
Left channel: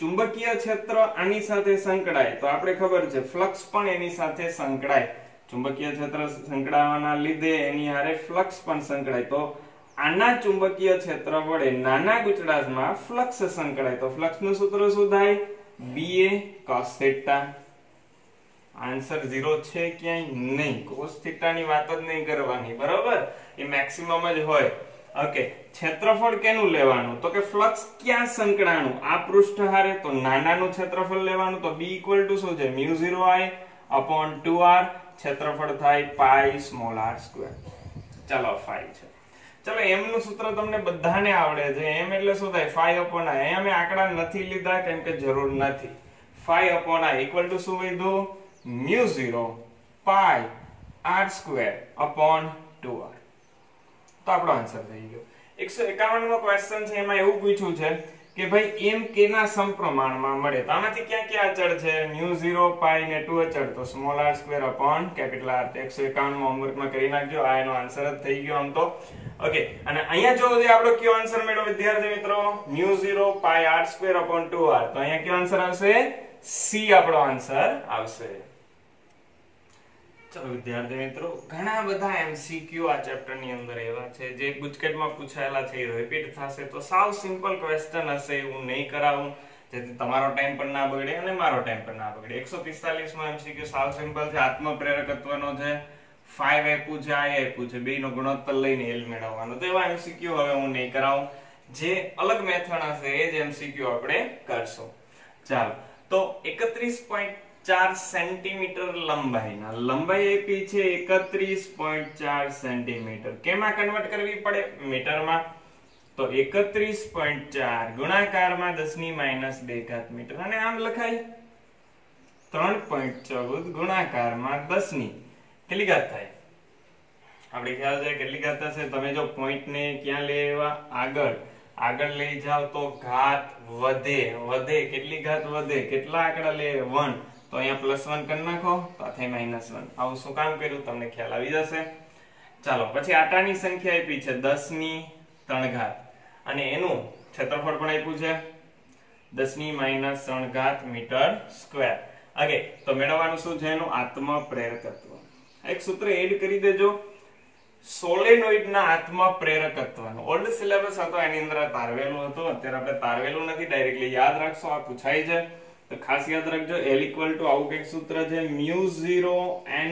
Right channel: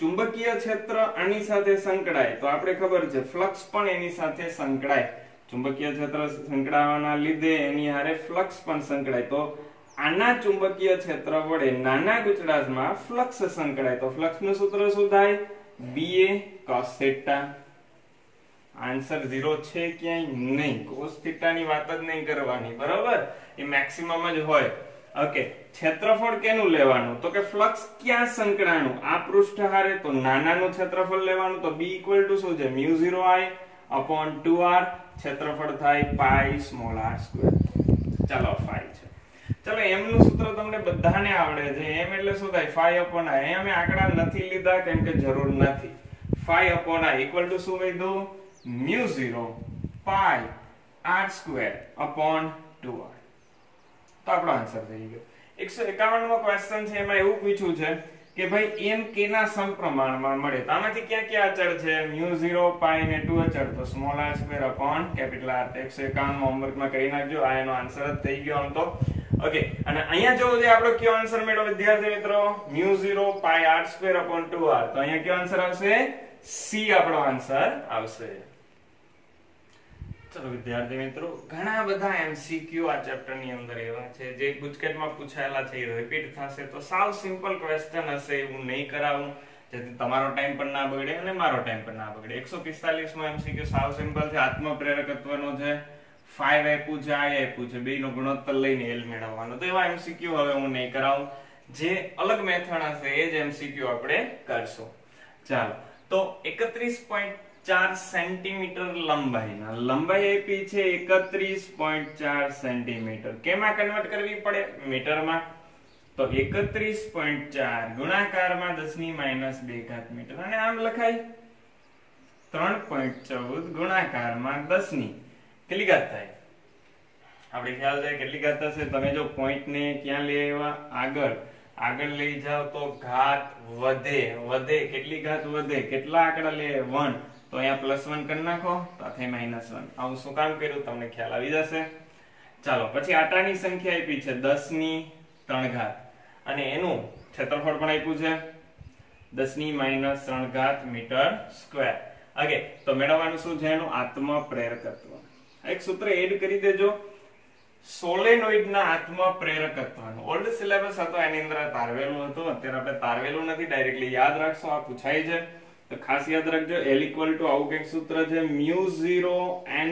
ચુંબકીય ક્ષેત્ર આની સાથે સંકળાય તો આપણે ખબર છે ફ્લક્સ પણ એની સાથે સંકળાય. ચુંબકીય ક્ષેત્ર સંકળાવાના લીધે એની હારે ફ્લક્સ પણ સંકળાય. તો આના ચુંબકીય ક્ષેત્ર વડે નાના ગુચડાસમાં ફ્લક્સ સંકળાય તો ફ્લક્સનું સૂત્ર શું થાય? BA cos θ. આન્સર 0 છે ક્યાંય નહીં. cos θ ની વાત જ નહીં કરવાની બરોબર. એ મેક્સિમમ જ હોય. ઓકે, ક્ષેત્રફળ કેનું લેવાનું તો કે ફ્લક્સ ક્યાં સંકળાણું આ પૃષ્ઠ હારે, તો નાનાનું ક્ષેત્રફળ લેવાનું. તો b ઇક્વલ ટુ શું છે μ0I upon 2r, ક્ષેત્રફળ થાય પાઈ સ્મોલ r સ્ક્વેર. ચાલો 5 છે. ચલો m નું સૂત્ર તમને બધાને આવડે છે. m એટલે શું થાય 5 upon i. અમે આંકડા નથી લીધા કેમ કે જરૂર નથી. 5 upon i ઇક્વલ ટુ શું વધ્યું μ0 પાઈ r સ્ક્વેર upon 2r. તો આપણો આન્સર થઈ ગયો. 151 મો ક્વેશ્ચન છે, એમાં એવું પૂછ્યું છે કે ભાઈ m કેના સમપ્રમાણમાં મળે. તો આમાંથી ક્યાં ક્યાં અચળ છે μ0 પાઈ ને 2 અચળ, તો small r square upon capital r. 151 માં હોમવર્કમાં કરી નાખજો. આ એનો આન્સર જ થઈ ગયો આમ તો. ઓકે, અને અહીંયા જો આપણો કયો આન્સર મેળવ્યો વિદ્યાર્થી મિત્રો μ0 પાઈ r સ્ક્વેર upon 2r. તો અહીંયા કયો આન્સર આવશે c આપણો આન્સર આવશે. ચલો વિદ્યાર્થી મિત્રો, ઘણા બધા એમસીક્યુ આ ચેપ્ટર ની અંદર એવા છે જે ગુજકેટમાં પૂછાયેલા છે, રિપીટ થશે. તો સાવ સિમ્પલ ક્વેશ્ચન હશે, હું નહીં કરાવું જેથી તમારો ટાઈમ પણ ના બગડે અને મારો ટાઈમ પણ ના બગડે. 145 માં એમસીક્યુ સાવ સિમ્પલ છે, આત્મપ્રેરકત્વનો છે, 5 આપ્યું છે, I આપ્યું છે, બેયનો ગુણોત્તર લઈને L મેળવવાનો. તો એવા એમસીક્યુ હવે હું નહીં કરાવું, જે અલગ મેથડ હશે એ જ એમસીક્યુ આપણે કરશું. ચાલો, તો 31.4 સેન્ટીમીટર લંબાઈના લંબાઈ આપી છે 31.4 સેન્ટીમીટર. કેમાં કન્વર્ટ કરવી પડે મીટરમાં, તો 31.4 ગુણાકારમાં 10 ની -2 ઘાત મીટર, અને આમ લખાય 3.14 ગુણાકારમાં 10 ની કેટલી ઘાત થાય આપણે ખ્યાલ છે કેટલી ઘાત થશે. તમે જો પોઈન્ટ ને ક્યાં લઈ આવ્યા આગળ લઈ જાવ તો ઘાત વધે કેટલી ઘાત વધે, કેટલા આંકડા લે 1, તો અહીંયા +1 કરી નાખો તો આ થાય -1. આવું શું કામ કર્યું તમને ખ્યાલ આવી જશે. ચાલો, પછી આટાની સંખ્યા આપી છે 10 ની 3 ઘાત, અને એનું ક્ષેત્રફળ પણ આપ્યું છે 10 ની -3 ઘાત મીટર સ્ક્વેર. ઓકે, તો મેળવવાનું શું છે એનું આત્મપ્રેરકત્વ. એક સૂત્ર એડ કરી દેજો, સોલેનોઇડ ના આત્મપ્રેરકત્વનું. ઓલ્ડ સિલેબસ હતો એની અંદર તારવેલું હતું, અત્યારે આપણે તારવેલું નથી, ડાયરેક્ટલી યાદ રાખશો. આ પૂછાય છે તો ખાસ યાદ રાખજો. L ઇક્વલ ટુ આવું કંઈક સૂત્ર છે μ0 n²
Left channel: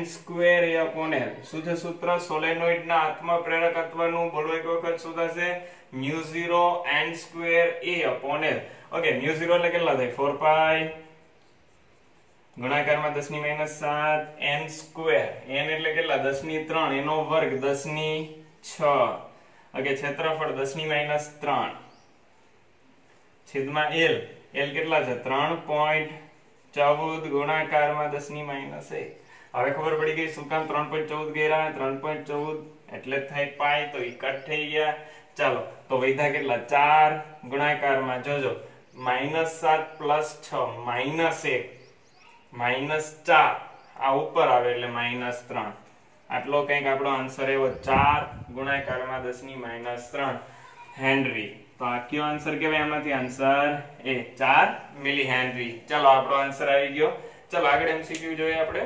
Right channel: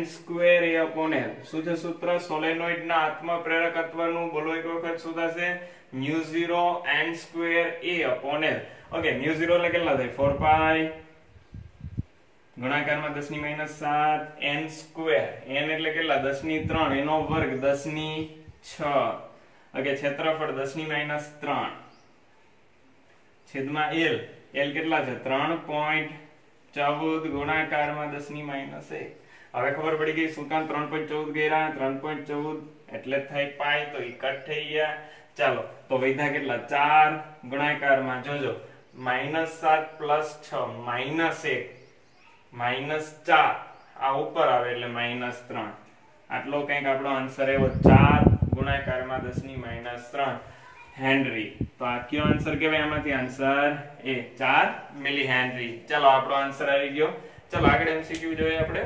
a upon L. શું છે સૂત્ર સોલેનોઇડ ના આત્મપ્રેરકત્વનું? બોલો એક વખત. શું થશે μ0 n² a upon L. Okay, μ0 એટલે કેટલા થાય 4 પાઈ ગુણાકારમાં 10 ની -7 n². n એટલે કેટલા 10 ની 3, એનો વર્ગ 10 ની 6. ઓકે, ક્ષેત્રફળ 10 ની -3 છેદમાં L. L કેટલા છે 3.14 ગુણાકારમાં 10 ની -1. હવે ખબર પડી ગઈ શું કામ 3.14 કર્યા. 3.14 એટલે થાય પાઈ, તો ઈ કટ થઈ ગયા. ચાલો, તો વૈધા કેટલા 4 ગુણાકારમાં જોજો -7 + 6 -1 -4, આ ઉપર આવે એટલે -3. આટલો કંઈક આપણો આન્સર એવો 4 ગુણાકારમાં 10 ની -3 હેનરી. તો આ કયો આન્સર કહેવાય? એમાંથી આન્સર એ 4 મિલી હેનરી. ચાલો, આપણો આન્સર આવી ગયો. ચાલો આગળ એમસીક્યુ જોઈએ આપણે.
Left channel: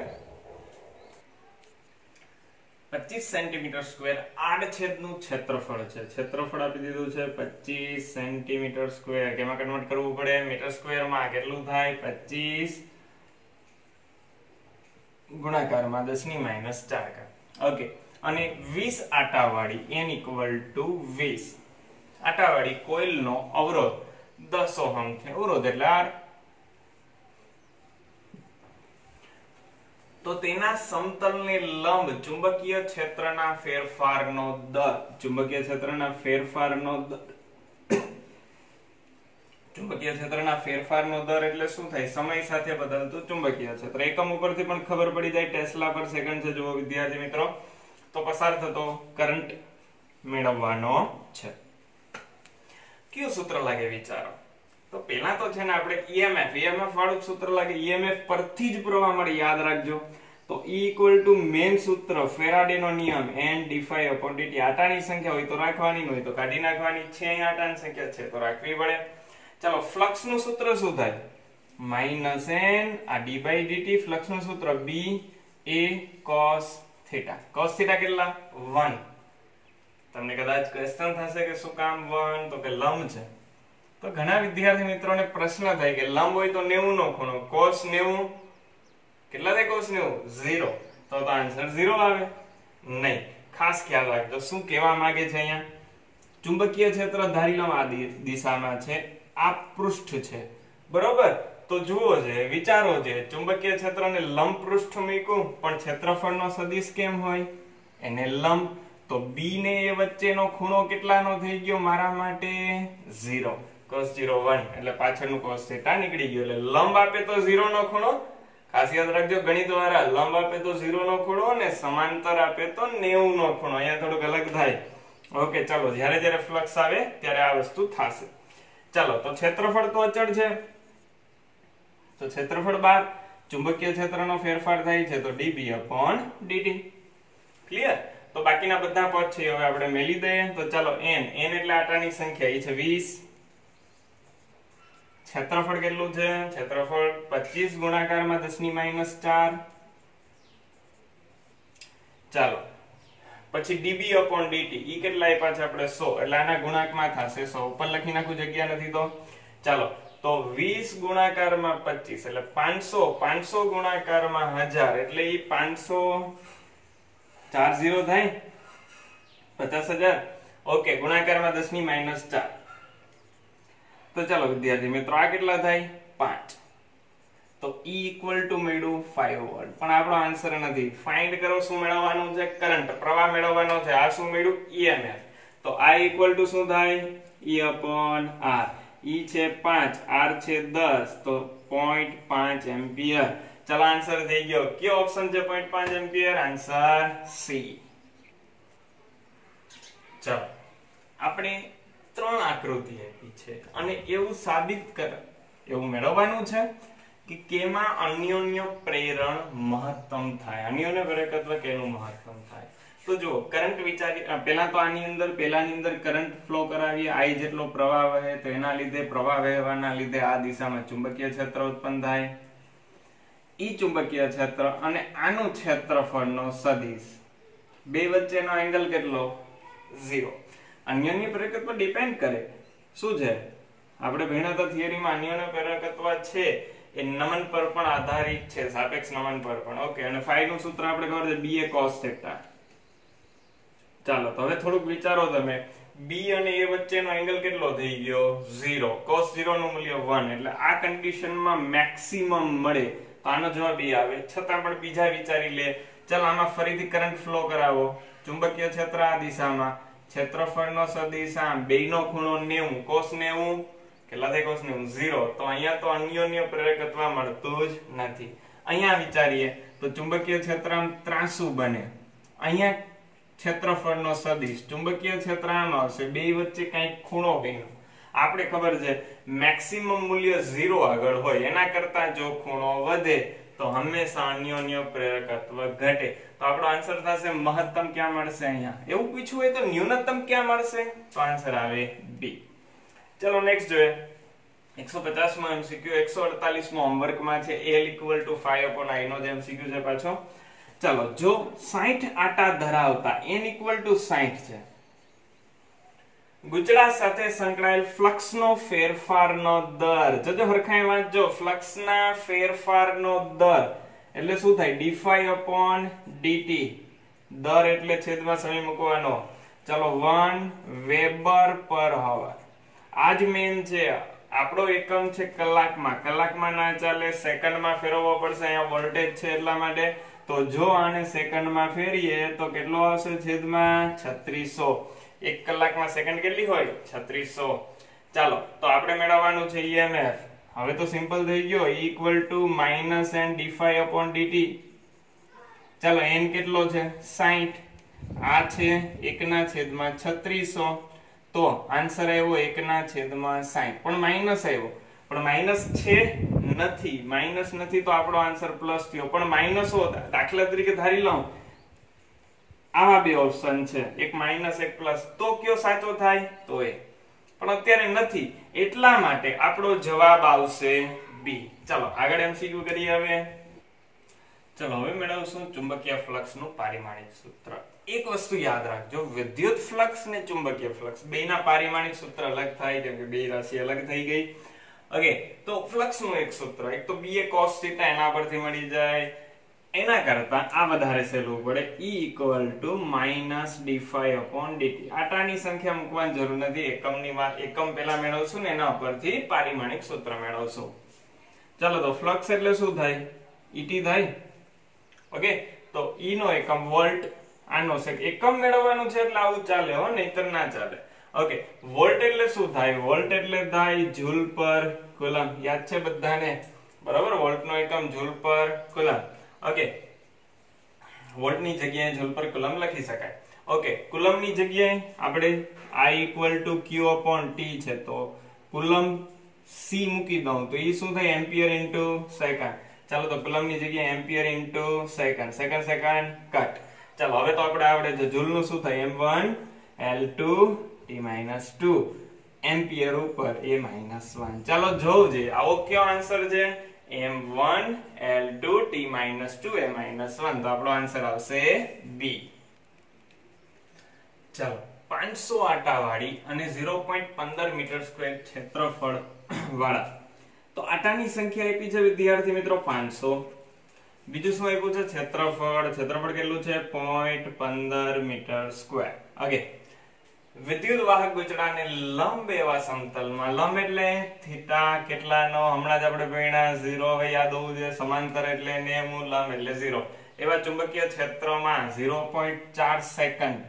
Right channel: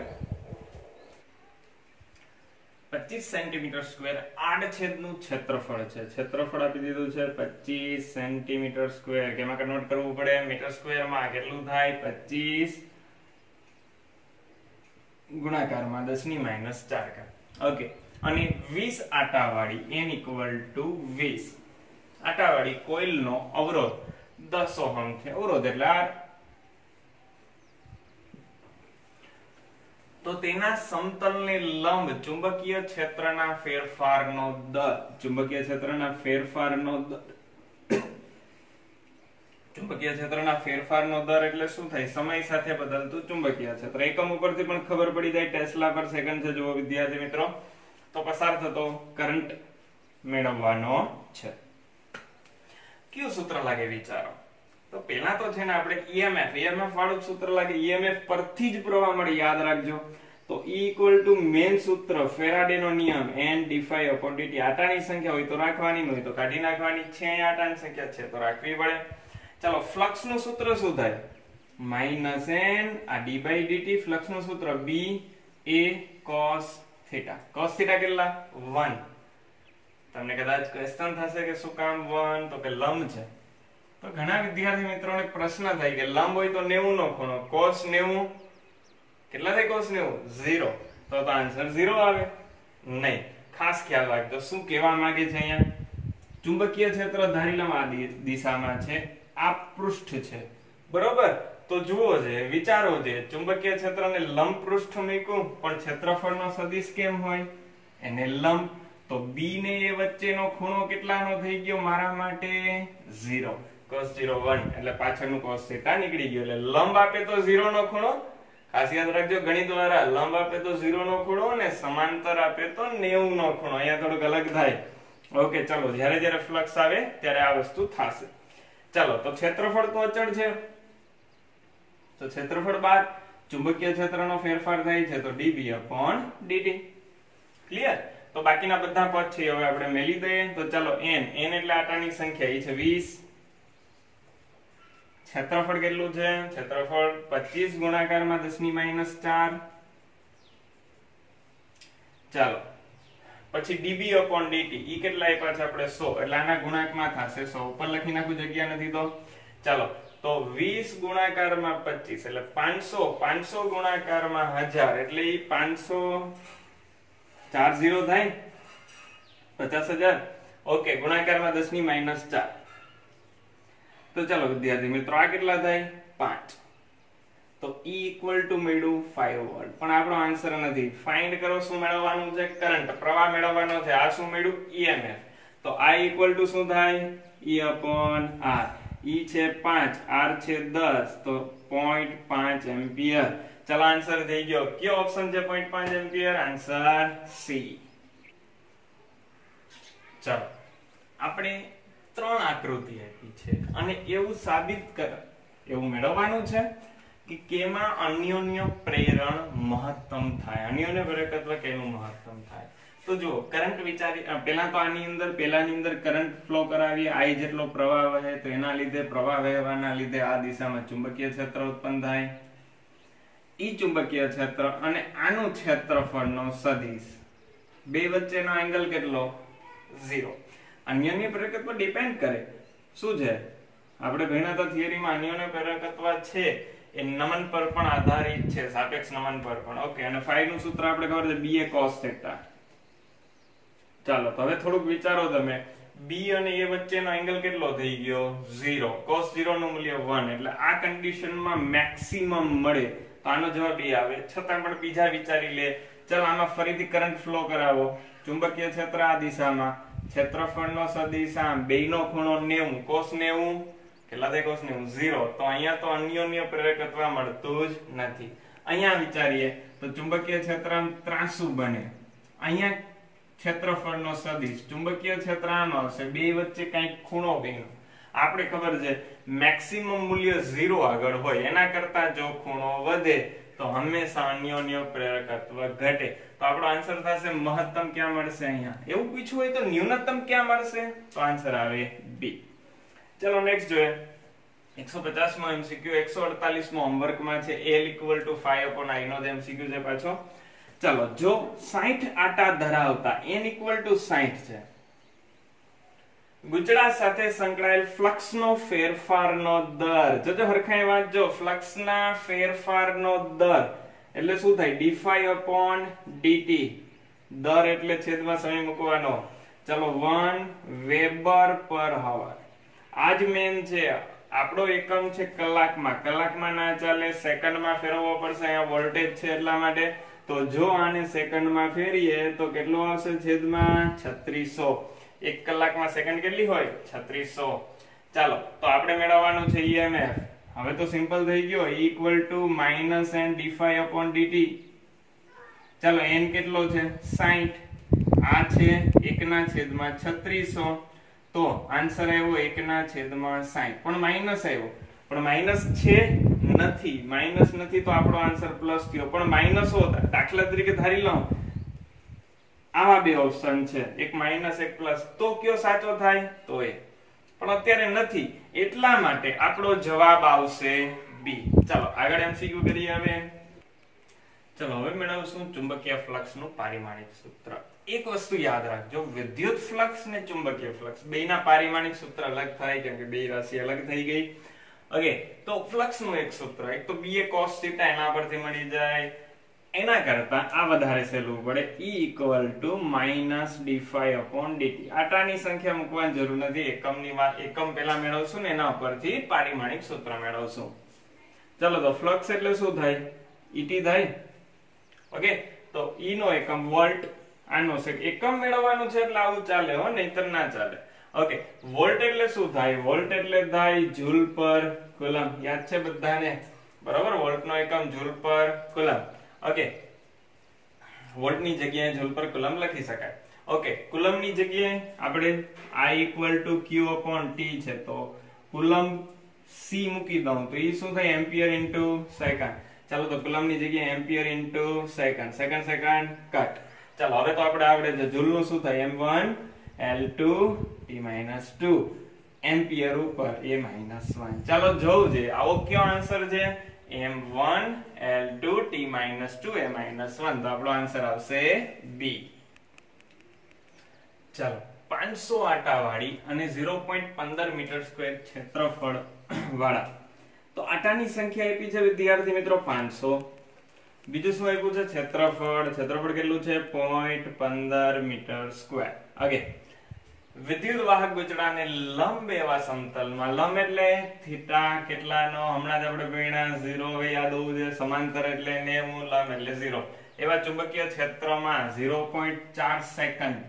25 સેન્ટીમીટર સ્ક્વેર આડછેદનું ક્ષેત્રફળ છે. ક્ષેત્રફળ આપી દીધું છે 25 સેન્ટીમીટર સ્ક્વેર. કેમાં કન્વર્ટ કરવું પડે મીટર સ્ક્વેરમાં? કેટલું થાય 25 ગુણાકારમાં 10 ની -4. ઓકે, અને 20 આટાવાળી n ઇક્વલ ટુ 20 આટાવાળી કોઇલનો અવરોધ 10 ઓહમ છે. અવરોધ એટલે R. તો તેના સમતલને લંબ ચુંબકીય ક્ષેત્રના ફેરફારનો દર. ચુંબકીય ક્ષેત્રના ફેરફારનો દર એટલે શું થાય? સમય સાથે બદલતું ચુંબકીય ક્ષેત્ર. એકમ ઉપરથી પણ ખબર પડી જાય, ટેસ્લા પર સેકન્ડ છે. જુઓ વિદ્યાર્થી મિત્રો, તો પસાર થતો કરંટ મેળવવાનો છે. કયું સૂત્ર લાગે વિચારો? તો પેલા તો છે ને આપણે EMF વાળું સૂત્ર લાગે. EMF પરથી જ પ્રવાહ મળે, યાદ રાખજો. તો E ઇક્વલ ટુ મેઇન સૂત્ર ફેરાડેનો નિયમ n d∅dt. આટાની સંખ્યા હોય તો રાખવાની, હોય તો કાઢી નાખવાની. છે અહીંયા આટાની સંખ્યા છે તો રાખવી પડે. ચાલો, ફ્લક્સ નું સૂત્ર શું થાય? -n આ d/dt. ફ્લક્સ નું સૂત્ર B A cos θ. cos θ કેટલા 1. તમને કદાચ ક્વેશ્ચન થશે કે શું કામ 1? તો કે લંબ છે. તો ઘણા વિદ્યાર્થી મિત્રોને પ્રશ્ન થાય કે લંબ હોય તો 90 નો ખૂણો, cos 90 કેટલા થાય? cos 90 0. તો આન્સર 0 આવે નહીં. ખાસ ખ્યાલ રાખજો શું કહેવા માંગે છે અહીંયા. ચુંબકીય ક્ષેત્ર ધારી લો આ દિશામાં છે, આ પૃષ્ઠ છે, બરોબર. તો જુઓ છે, વિચારો છે, ચુંબકીય ક્ષેત્રને લંબ પૃષ્ઠ મૂક્યું પણ ક્ષેત્રફળનો સદિશ કેમ હોય? એને લંબ. તો b ને a વચ્ચેનો ખૂણો કેટલાનો થઈ ગયો મારા માટે? 0. cos 0 1 એટલે પાછળનું cos θ નીકળી ગયો. એટલે લંબ આપે તો 0 નો ખૂણો, ખાસ યાદ રાખજો ગણિત દ્વારા, લંબ આપે તો 0 નો ખૂણો અને સમાંતર આપે તો 90 નો ખૂણો. અહીંયા થોડુંક અલગ થાય. ઓકે, ચાલો, જ્યારે જ્યારે ફ્લક્સ આવે ત્યારે આ વસ્તુ થશે. ચાલો, તો ક્ષેત્રફળ તો અચળ છે, તો ક્ષેત્રફળ બાદ ચુંબકીય ક્ષેત્રનો ફેરફાર થાય છે તો dB/dt. ક્લિયર? તો બાકીના બધા પદ છે હવે આપણે મેલી દઈએ. તો ચાલો n એટલે આટાની સંખ્યા, એ છે 20. ક્ષેત્રફળ કેટલું છે? ક્ષેત્રફળ 25 ગુણાકારમાં 10⁻⁴. ચાલો, પછી dB/dt ઈ કેટલા આપ્યા છે આપણે? 100. એટલે આના ગુણાંકમાં થશે 100. ઉપર લખી નાખું, જગ્યા નથી તો. ચાલો, તો 20 ગુણાકારમાં 25 એટલે 500. 500 ગુણાકારમાં 1000 એટલે ઈ 500 4 0 થાય 50,000. ઓકે, ગુણાકારમાં 10⁻⁴. તો ચાલો વિદ્યાર્થી મિત્રો, આ કેટલા થાય? 5. તો E મળ્યું 5 વોલ્ટ. પણ આપણો આન્સર નથી. ફાઇન્ડ કરો, શું મેળવવાનું છે? કરંટ, પ્રવાહ મેળવવાનો છે. આ શું મળ્યું? EMF. તો I શું થાય? E/R. E છે 5, R છે 10, તો 0.5 એમ્પિયર. ચાલો, આન્સર થઈ ગયો. કયો ઓપ્શન છે 0.5 એમ્પિયર? Answer C. ચાલો, આપણે 3 આકૃતિ આપી છે અને એવું સાબિત કર, એવું મેળવવાનું છે કે કેમાં અન્યોન્ય પ્રેરણ મહત્તમ થાય. અન્યોન્ય પ્રેરકત્વ કેનું મહત્તમ થાય? તો જો કરંટ વિચારી, પહેલા તો આની અંદર કરંટ ફ્લો કરાવીએ. I જેટલો પ્રવાહ વહે તો એના લીધે, પ્રવાહ વહેવાના લીધે આ દિશામાં ચુંબકીય ક્ષેત્ર ઉત્પન્ન થાય. ઈ ચુંબકીય ક્ષેત્ર અને આનું ક્ષેત્રફળનો સદિશ, બે વચ્ચેનો એંગલ કેટલો? 0. અન્યોન્ય પ્રેરકત્વ ડિપેન્ડ કરે શું છે? આપણે ભણ્યા હતા થિયરીમાં, અન્યોન્ય પ્રેરકત્વ છે એ નમન પર પણ આધારિત છે, સાપેક્ષ નમન પર પણ. ઓકે, અને phi નું સૂત્ર આપણે ખબર છે, B એ cos θ. ચાલો, તો હવે થોડુંક વિચારો તમે. B અને A વચ્ચેનો એંગલ કેટલો થઈ ગયો? 0. cos 0 નું મૂલ્ય 1. એટલે આ કન્ડિશનમાં મેક્સિમમ મળે તો આનો જવાબ એ આવે. છતાં પણ બીજા વિચારી લે. ચાલો, આમાં ફરીથી કરંટ ફ્લો કરાવો. ચુંબકીય ક્ષેત્ર આ દિશામાં, ક્ષેત્રફળનો સદિશ આમ, બેયનો ખૂણો 90. cos 90 કેટલા થાય? cos 90 0. તો અહીંયા તો અન્યોન્ય પ્રેરકત્વ મળતું જ નથી. અહીંયા વિચારીએ તો ચુંબકીય ક્ષેત્ર ત્રાંસુ બને. અહીંયા ક્ષેત્રફળનો સદિશ, ચુંબકીય ક્ષેત્ર આનો આવશે, બે વચ્ચે કંઈક ખૂણો બન્યો. આપણે ખબર છે મેક્સિમમ મૂલ્ય 0 આગળ હોય, એના કરતા જો ખૂણો વધે તો હંમેશા અન્યોન્ય પ્રેરકત્વ ઘટે. તો આપણો આન્સર થશે મહત્તમ ક્યાં મળશે? અહીંયા. એવું પૂછવું હોય તો ન્યૂનતમ ક્યાં મળશે? તો આન્સર આવે B. ચલો નેક્સ્ટ જોઈએ. 150 માં MCQ, 148 માં હોમવર્કમાં છે L = 5/I નો જે MCQ છે પાછો. ચલો, જો 60 આટા ધરાવતા n = 60 છે, ગુચડા સાથે સંકળાયેલ ફ્લક્સનો ફેરફારનો દર, જોજો હરખાઈ વાંચજો, ફ્લક્સના ફેરફારનો દર એટલે શું થાય? dϕ/dt. દર એટલે છેદમાં સમય મૂકવાનો. ચલો, 1 વેબર/હવર. આજ મેન છે. આપણો એકમ છે કલાકમાં. કલાકમાં ના ચાલે, સેકન્ડમાં ફેરવવો પડશે. અહીંયા વોલ્ટેજ છે એટલા માટે. તો જો આને સેકન્ડમાં ફેરીએ તો કેટલો આવશે? છેદમાં 3600. 1 કલાકમાં સેકન્ડ કેટલી હોય? 3600. ચાલો, તો આપણે મેળવવાનું છે EMF. હવે તો સિમ્પલ થઈ ગયો. E = n dϕ/dt. ચાલો, n કેટલો છે? 60. આ છે 1/3600. તો આન્સર આવ્યો 1/60. પણ માઈનસ આવ્યો. પણ માઈનસ છે નથી, માઈનસ નથી તો આપણો આન્સર પ્લસ થયો. પણ માઈનસ હોતા, દાખલા તરીકે ધારી લઉં આવા બે ઓપ્શન છે, એક માઈનસ એક પ્લસ, તો કયો સાચો થાય? તો એ. પણ અત્યારે નથી, એટલા માટે આપણો જવાબ આવશે B. ચાલો આગળ MCQ કરીએ. હવે ચલો, હવે મેળવશું ચુંબકીય ફ્લક્સ નું પારિમાણિક સૂત્ર. એક વસ્તુ યાદ રાખજો, વિદ્યુત ફ્લક્સ ને ચુંબકીય ફ્લક્સ બેયના પારિમાણિક સૂત્ર અલગ થાય, કેમ કે બે રાશિ અલગ થઈ ગઈ. ઓકે, તો ફ્લક્સ નું એક સૂત્ર, એક તો B એ cos θ, એના પરથી મળી જાય. એના કરતા આ વધારે સહેલું પડે, E equal to minus d5 upon dt. આટાની સંખ્યા મૂકવાની જરૂર નથી, એકમની વાત એકમ પેલા મેળવશું ને એના ઉપરથી પારિમાણિક સૂત્ર મેળવશું. ચલો તો ફ્લક્સ એટલે શું થાય? ET થાય. ઓકે, તો E નો એકમ વોલ્ટ, આનો એકમ મેળવવાનું છે એટલે આવું ચાલે હો, નહીતર ના ચાલે. ઓકે, વોલ્ટ એટલે શું થાય? વોલ્ટ એટલે થાય જૂલ પર કુલમ. યાદ છે બધાને? બરાબર, વોલ્ટ નો એકમ જૂલ પર કુલમ. ઓકે, વોલ્ટ ની જગ્યાએ જૂલ પર કુલમ લખી શકાય. ઓકે, કુલમ ની જગ્યાએ આપણે I equal to Q upon T છે, તો કુલમ C મૂકી દઉં તો એ શું થાય? Ampere into second. ચાલો તો કુલમ ની જગ્યાએ ampere into second, second cut. ચાલો હવે તો આપણે આવડે છે જૂલ નું શું થાય? M1 L2 T-2 એમ્પિયર ઉપર A-1. ચાલો જોવું છે આવો કયો આન્સર છે? M1 L2 T-2 A-1. તો આપણો આન્સર આવશે B. ચાલો 500 આટા વાળી અને 0.15 મીટર સ્ક્વેર ક્ષેત્રફળ વાળા, તો આટાની સંખ્યા આપી છે વિદ્યાર્થી મિત્રો 500. બીજું શું આપ્યું છે? ક્ષેત્રફળ. ક્ષેત્રફળ કેટલું છે? 0.15 મીટર સ્ક્વેર. ઓકે, વિદ્યુત વાહક ગૂંચળાને લંબ એવા સમતલમાં, લંબ એટલે થીટા કેટલાનો? હમણાં જ આપણે ભણ્યા 0. હવે યાદ હોવું જોઈએ. સમાંતર એટલે 90, લંબ એટલે 0. એવા ચુંબકીય ક્ષેત્રમાં 0.4 સેકન્ડ,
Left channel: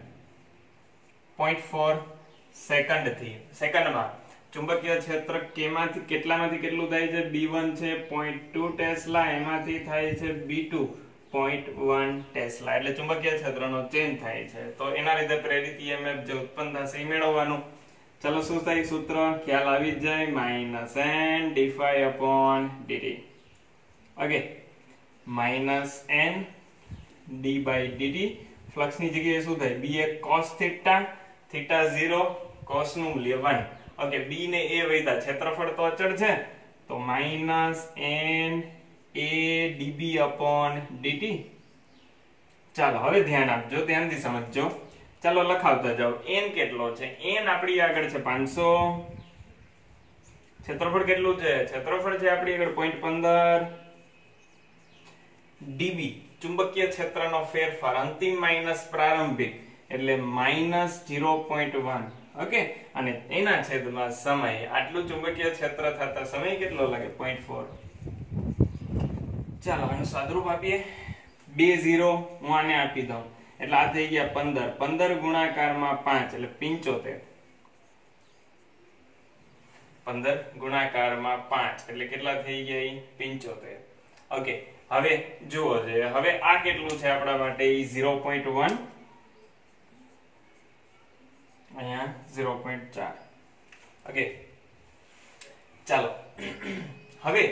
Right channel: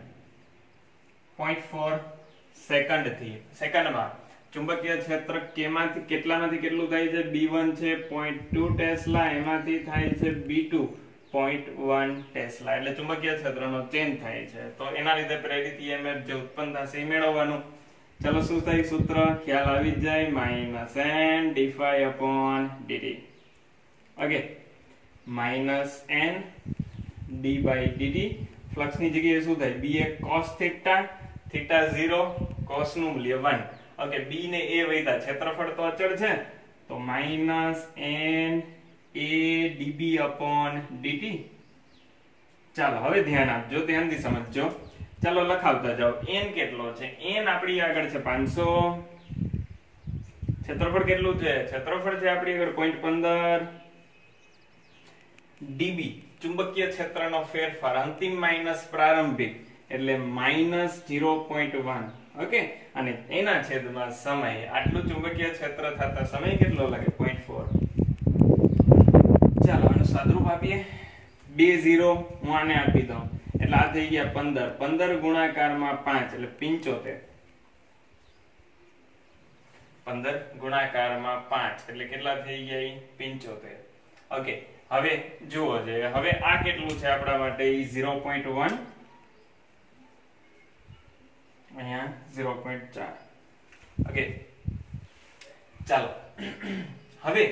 0.4 સેકન્ડ થી સેકન્ડમાં ચુંબકીય ક્ષેત્ર કેમાંથી કેટલામાંથી કેટલું થાય છે? B1 છે 0.2 ટેસ્લા, એમાંથી થાય છે B2 0.1 ટેસ્લા. એટલે ચુંબકીય ક્ષેત્રનો ચેન્જ થાય છે, તો એના લીધે પ્રેરિત EMF જે ઉત્પન્ન થશે એ મેળવવાનું. ચલો શું થાય? સૂત્ર ખ્યાલ આવી જાય, minus n d5 upon dt. Okay, minus n d by dt. Flux ની જગ્યાએ શું થાય? B એ cos થીટા, થીટા 0, cos નું મૂલ્ય 1. ઓકે, B ને A વૈધા, ક્ષેત્રફળ તો અચળ છે, તો minus n a dB upon dt. ચાલો હવે ધ્યાન આપજો, ધ્યાનથી સમજજો. ચાલો લખાવતા જાઓ. n કેટલો છે? n આપણી આગળ છે 500. ક્ષેત્રફળ કેટલું છે? ક્ષેત્રફળ છે આપણી આગળ 0.15 dB. ચુંબકીય ક્ષેત્રનો ફેરફાર અંતિમ માઇનસ પ્રારંભિક એટલે માઇનસ 0.1. ઓકે, અને એના છેદમાં સમય. આટલું ચુંબકીય ક્ષેત્ર થતા સમય કેટલો લાગે? 0.4. ચાલો આનું સાદરૂપ આપીએ. 2 0 હું આને આપી દઉં એટલે આ થઈ ગયા 15. 15 ગુણાકારમાં 5 એટલે 75. 15 ગુણાકારમાં 5 એટલે કેટલા થઈ ગયા? 75. ઓકે, હવે જુઓ છે, હવે આ કેટલું છે આપણા માટે? 0.1, અહીંયા 0.4. ઓકે, ચાલો હવે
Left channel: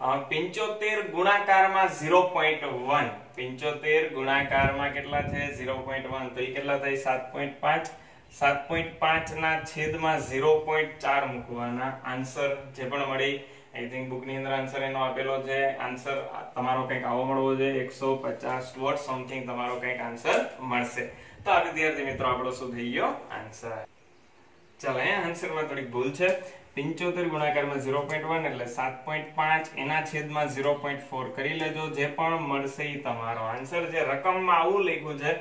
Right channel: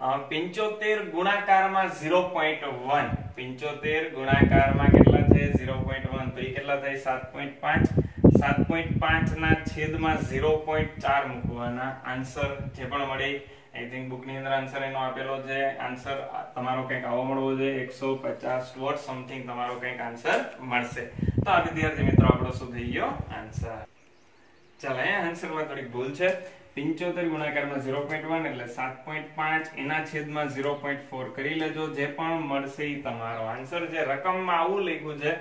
75 ગુણાકારમાં 0.1, 75 ગુણાકારમાં કેટલા છે? 0.1, તો એ કેટલા થાય? 7.5. 7.5 ના છેદમાં 0.4 મૂકવાના. આન્સર જે પણ મળે, આઈ થિંક બુક ની અંદર આન્સર એનો આપેલો છે. આન્સર તમારો કંઈક આવો મળવો જોઈએ, 150 વોટ સમથિંગ તમારો કંઈક આન્સર મળશે. તો આ વિદ્યાર્થી મિત્રો આપણો શું થઈ ગયો? આન્સર. ચાલો અહીંયા આન્સરમાં થોડીક ભૂલ છે. 75 ગુણાકારમાં 0.1 એટલે 7.5, એના છેદમાં 0.4 કરી લેજો. જે પણ મળશે એ તમારો આન્સર. જે રકમમાં આવું લખ્યું છે,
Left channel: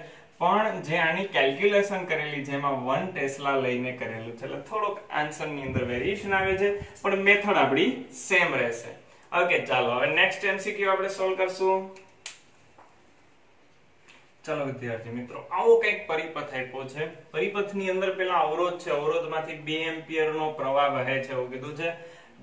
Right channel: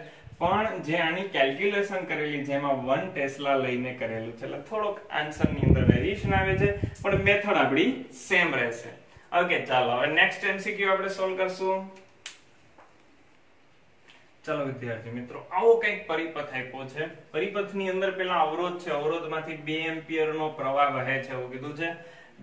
પણ જે આની કેલ્ક્યુલેશન કરેલી છે એમાં 1 ટેસ્લા લઈને કરેલું છે, એટલે થોડોક આન્સર ની અંદર વેરિએશન આવે છે, પણ મેથડ આપણી સેમ રહેશે. ઓકે, ચાલો હવે નેક્સ્ટ MCQ આપણે સોલ્વ કરશું. ચાલો વિદ્યાર્થી મિત્રો, આવો કંઈક પરિપથ આપ્યો છે. પરિપથની અંદર પેલા અવરોધ છે, અવરોધમાંથી 2 એમ્પિયર નો પ્રવાહ વહે છે એવું કીધું છે.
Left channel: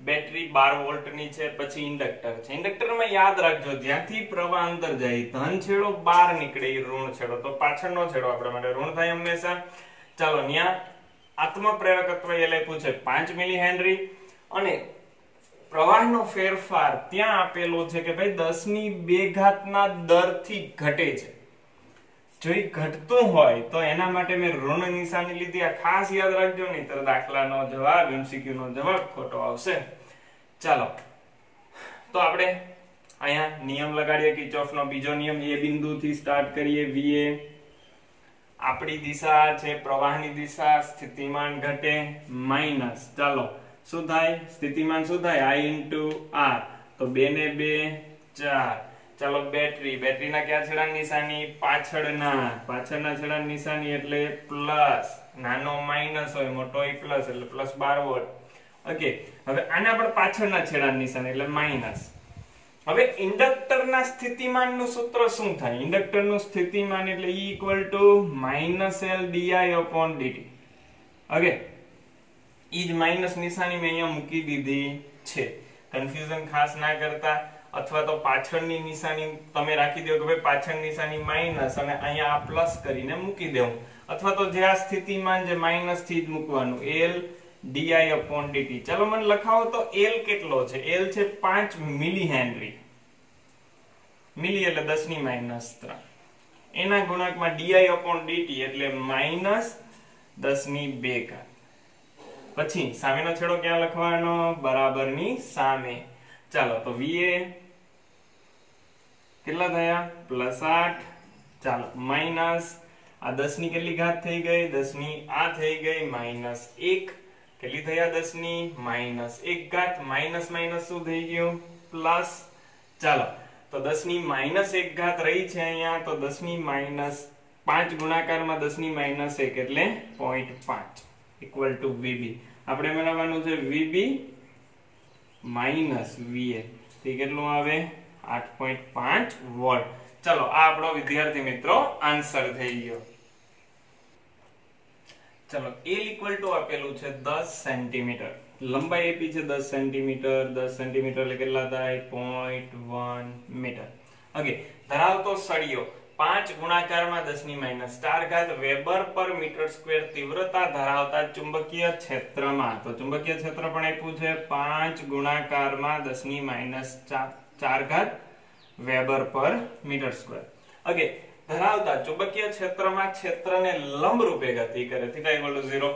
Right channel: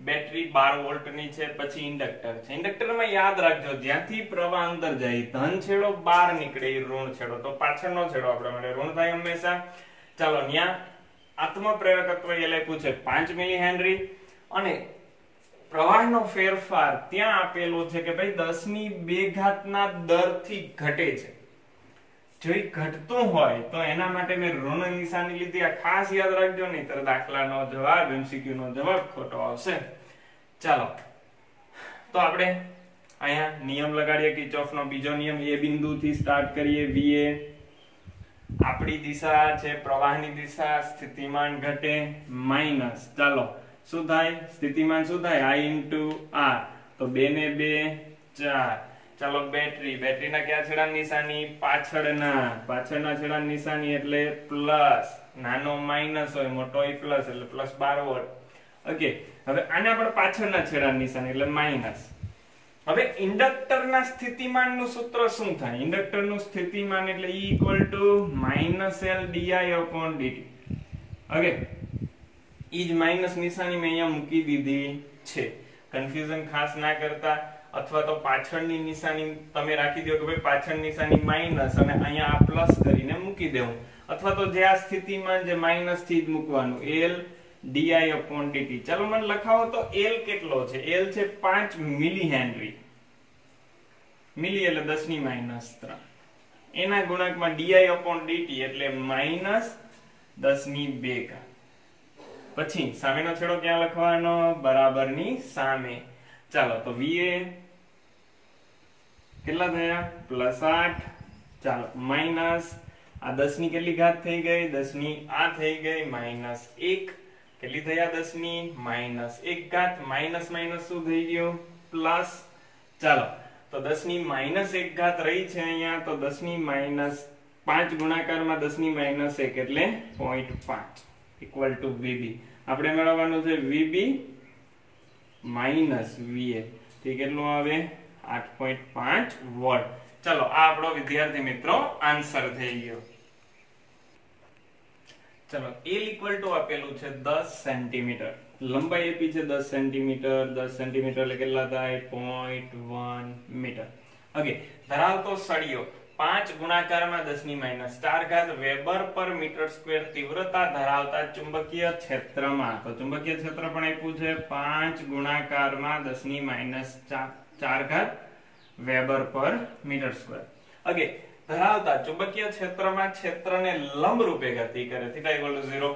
બેટરી 12 વોલ્ટ ની છે. પછી ઇન્ડક્ટર છે. ઇન્ડક્ટરમાં યાદ રાખજો, જ્યાંથી પ્રવાહ અંદર જાય ધન છેડો બહાર નીકળે એ ઋણ છેડો, તો પાછળનો છેડો આપણા માટે ઋણ થાય હંમેશા. ચાલો ત્યાં આત્મપ્રેરકત્વ એ લખ્યું છે 5 મિલી હેનરી, અને પ્રવાહનો ફેરફાર ત્યાં આપેલો છે કે ભાઈ 10 ની 2 દરથી ઘટે છે. જો એ ઘટતું હોય તો એના માટે મેં ઋણ નિશાની લીધી. આ ખાસ યાદ રાખજો, નહીંતર દાખલાનો જવાબ, MCQ નો જવાબ ખોટો આવશે. ચાલો તો આપણે અહીંયા નિયમ લગાડીએ કિર્ચોફનો બીજો નિયમ. એ બિંદુથી સ્ટાર્ટ કરીએ. VA આપણી દિશા છે, પ્રવાહની દિશા, સ્થિતિમાન ઘટે માઈનસ. ચાલો શું થાય? સ્થિતિમાન શું થાય? I × R, તો 2 ને 2 4. ચાલો બેટરીના ક્યાં છેડાની નિશાની? પાછળના છેડાની નિશાની એટલે પ્લસ, નાનો માઇનસ હોય મોટો હોય પ્લસ એટલે પ્લસ 12 વોલ્ટ. ઓકે, હવે આના પણ પાછળના છેડાની નિશાની એટલે માઇનસ. હવે ઇન્ડક્ટરના સ્થિતિમાનનું સૂત્ર શું થાય? ઇન્ડક્ટરનું સ્થિતિમાન એટલે E = -L/di/dt. ઓકે, ઈ જ માઇનસ નિશાની મેં અહીંયા મૂકી દીધી છે. કન્ફ્યુઝન ખાસ ના કરતા, અથવા તો પાછળની નિશાની તમે રાખી દો કે ભાઈ પાછળની નિશાની માઇનસ અને અહીંયા આ પ્લસ કરીને મૂકી દેવું, અથવા તો જે આ સ્થિતિમાન જે માઇનસ થી જ મૂકવાનું L/di/dt. ચાલો મને લખાવો તો L કેટલો છે? L છે 5 મિલી હેનરી. મિલી એટલે 10⁻³ એના ગુણાંકમાં di/dt એટલે -10⁻². પછી સામેનો છેડો ક્યાં લખવાનો? બરાબરની સામે. ચાલો તો VA કેટલા થયા? +8. ચાલો માઇનસ આ 10 ની કેટલી ઘાત થઈ ગઈ? 10 ની આ થઈ ગઈ -1. કેટલી થયા? 10 ની -1 ઘાત. માઇનસ માઇનસ શું થઈ ગયું? પ્લસ. ચાલો તો 10 ની -1 ઘાત રહી છે અહીંયા, તો 10 ની -5 ગુણાકારમાં 10 ની -1 એટલે 0.5 = VB. આપણે મેળવવાનું છે VB - VA. તે કેટલું આવે? 8.5 વોલ્ટ. ચલો આ આપણો વિદ્યાર્થી મિત્રો આન્સર થઈ ગયો. ચલો L = આપેલું છે 10 સેન્ટીમીટર. લંબાઈ આપી છે 10 સેન્ટીમીટર. 10 સેન્ટીમીટર એટલે કેટલા થાય? 0.1 મીટર. ઓકે, ધરાવતો સળિયો 5 ગુણાકારમાં 10⁻⁴ ઘાત વેબર પર મીટર સ્ક્વેર તીવ્રતા ધરાવતા ચુંબકીય ક્ષેત્રમાં. તો ચુંબકીય ક્ષેત્ર પણ આપ્યું છે 5 ગુણાકારમાં 10⁻⁴ ઘાત વેબર પર મીટર સ્ક્વેર. ઓકે, ધરાવતા ચુંબકીય ક્ષેત્રમાં ક્ષેત્રને લંબ રૂપે ગતિ કરે θ = 0.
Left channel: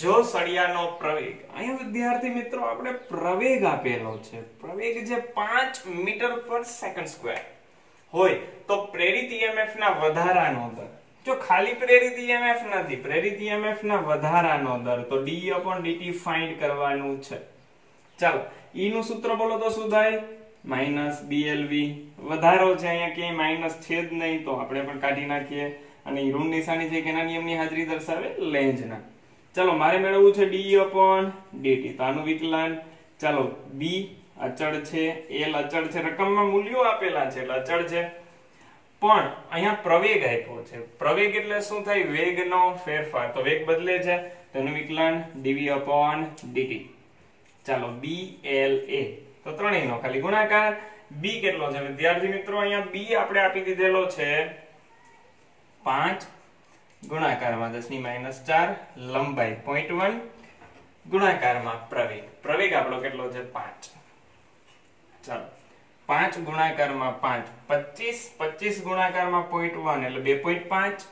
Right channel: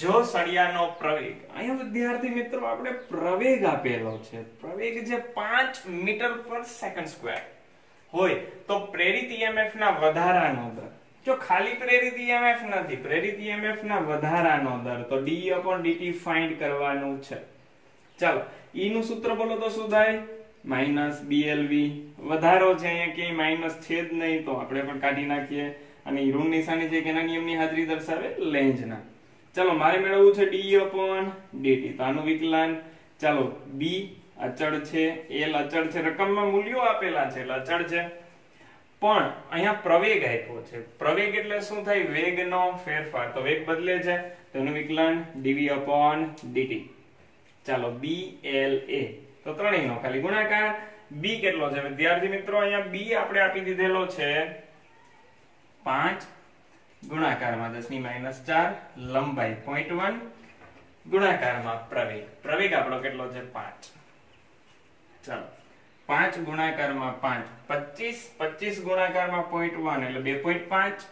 જો સળિયાનો પ્રવેગ, અહીંયા વિદ્યાર્થી મિત્રો આપણે પ્રવેગ આપેલો છે. પ્રવેગ જે 5 મીટર/સેકન્ડ² હોય તો પ્રેરિત EMF ના વધારાનો દર, જો ખાલી પ્રેરિત EMF નથી, પ્રેરિત EMF ના વધારાનો દર, તો d/dt ફાઇન્ડ કરવાનું છે. ચાલો E નું સૂત્ર બોલો તો શું થાય? -BLV. વધારો છે અહીંયા ક્યાંય માઇનસ છે જ નહીં તો આપણે પણ કાઢી નાખીએ. અને ઋણ નિશાની છે કેના નિયમની હાજરી દર્શાવે? લેન્ઝના. ચાલો મારે મેળવવું છે d/dt. તો આનું વિકલન. ચાલો B અચળ છે, L અચળ છે, રકમમાં મૂલ્યો આપેલા છે એટલે અચળ છે. પણ અહીંયા પ્રવેગ આપ્યો છે. પ્રવેગ એટલે શું થાય? વેગનો ફેરફાર. તો વેગ બદલે છે તેનું વિકલન dV/dt. ચાલો BLA. તો ત્રણેયનો ખાલી ગુણાકાર. B કેટલો છે વિદ્યાર્થી મિત્રો? અહીંયા B આપણે આપી દીધેલો છે 5 ગુણાકારમાં 10⁻⁴ લંબાઈ 0.1 ગુણાકારમાં પ્રવેગ. પ્રવેગ આપણો કેટલો છે? 5. ચાલો 5 ગુણાકારમાં 5 25. 25 ગુણાકારમાં 0.1 એટલે 2.5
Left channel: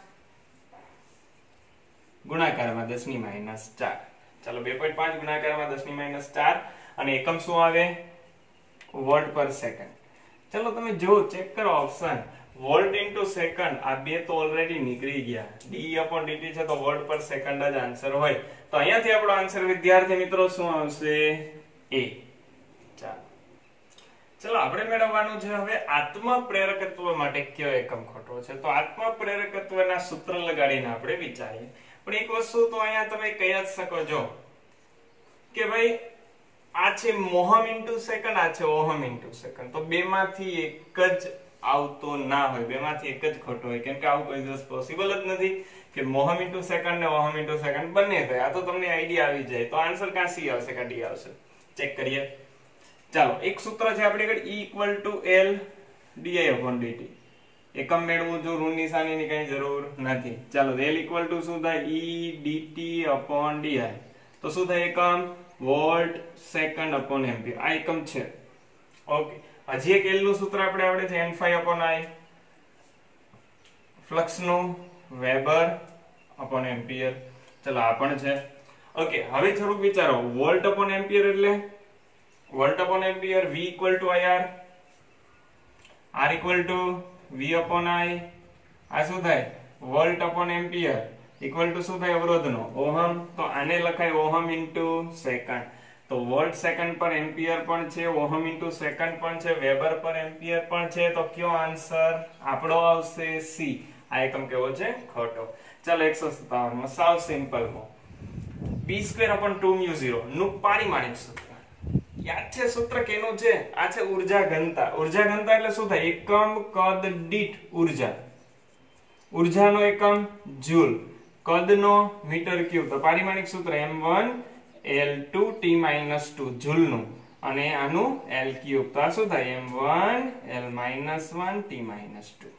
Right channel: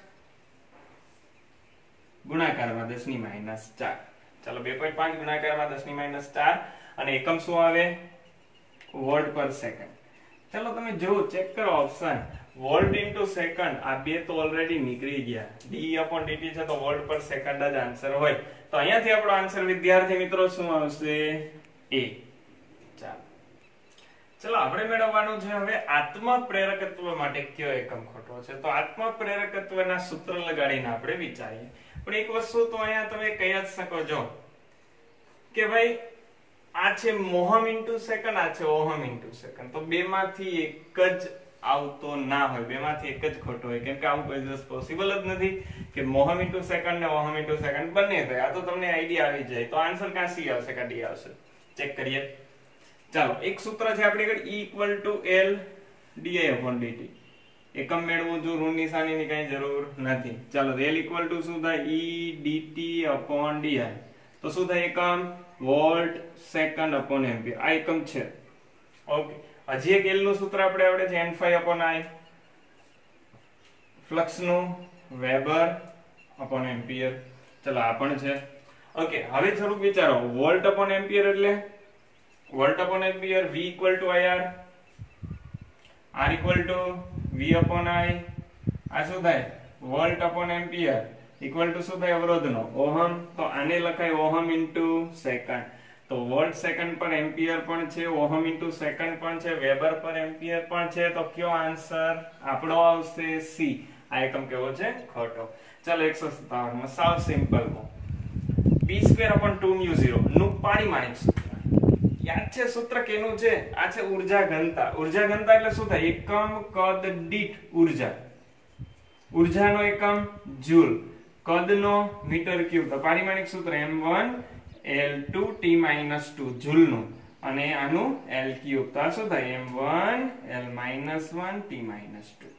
ગુણાકારમાં 10⁻⁴. ચાલો 2.5 ગુણાકારમાં 10⁻⁴. અને એકમ શું આવે? વોલ્ટ પર સેકન્ડ. ચલો તમે જો ચેક કરો ઓપ્શન વોલ્ટ ઇન્ટુ સેકન્ડ. આ બે તો ઓલરેડી નીકળી ગયા. d/dt છે તો વોલ્ટ પર સેકન્ડ જ આન્સર હોય. તો અહીંયાથી આપણો આન્સર વિદ્યાર્થી મિત્રો શું આવશે? A. ચલો આપણે મેળવવાનું છે હવે આત્મ પ્રેરકત્વ માટે કયો એકમ ખોટો છે. તો આત્મ પ્રેરકત્વના સૂત્ર લગાડીને આપણે વિચારીએ. પણ એક વસ્તુ તો અહીંયા તમે કહી જ શકો છો કે ભાઈ આ છે મોહમ ઇન્ટુ સેકન્ડ, આ છે ઓહમ ઇન્ટુ સેકન્ડ. તો બેમાંથી એક જ આવતો ના હોય, બેમાંથી એક જ ખોટો હોય. કેમ કે આવું કોઈ દિવસ પોસિબલ જ નથી કે મોહમ ઇન્ટુ સેકન્ડ ને ઓહમ ઇન્ટુ સેકન્ડ બંને થાય. આ તો તમને આઈડિયા આવી જાય. તો આન્સર ક્યાં સી આવશે કાં ડી આવશે? ચેક કરીએ. ચાલો એક સૂત્ર છે આપણી આગળ E = L/di/dt. એકમ મેળવવું જો ઋણ નિશાનીની કઈ જરૂર નથી. ચાલો L = શું થાય? E dt/di. તો શું થાય એકમ? વોલ્ટ સેકન્ડ/એમ્પિયર. આ એકમ છે. ઓકે, હજી એક L નું સૂત્ર આપણે આવડે છે n/I. ફ્લક્સ નું વેબર/એમ્પિયર. ચલો આ પણ છે. ઓકે, હવે થોડુંક વિચારો. વોલ્ટ/એમ્પિયર એટલે વોલ્ટ/એમ્પિયર V = IR, R = V/I. આ શું થાય? વોલ્ટ/એમ્પિયર = શું થાય? અવરોધનો ઓહમ. તો આને લખાય ઓહમ ઇન્ટુ સેકન્ડ. તો વોલ્ટ સેકન્ડ પર એમ્પિયર પણ છે, ઓહમ ઇન્ટુ સેકન્ડ પણ છે, વેબર પર એમ્પિયર પણ છે, તો કયો આન્સર આપણો આવશે સી. આ એકમ કેવો છે? ખોટો. ચાલો 157 માં સાવ સિમ્પલ માં p²/2μ0 નું પારિમાણિક સૂત્ર યાદ છે? સૂત્ર કેનું છે? આ છે ઊર્જા ઘનતા. ઊર્જા ઘનતા એટલે શું થાય? એકમ કદ દીઠ ઊર્જા. ઊર્જાનો એકમ જૂલ, કદનો મીટર ક્યુબ. તો પારિમાણિક સૂત્ર m1 L2 T-2 જૂલનું અને આનું L ક્યુબ. તો આ શું થાય? m1 L-1 T-2.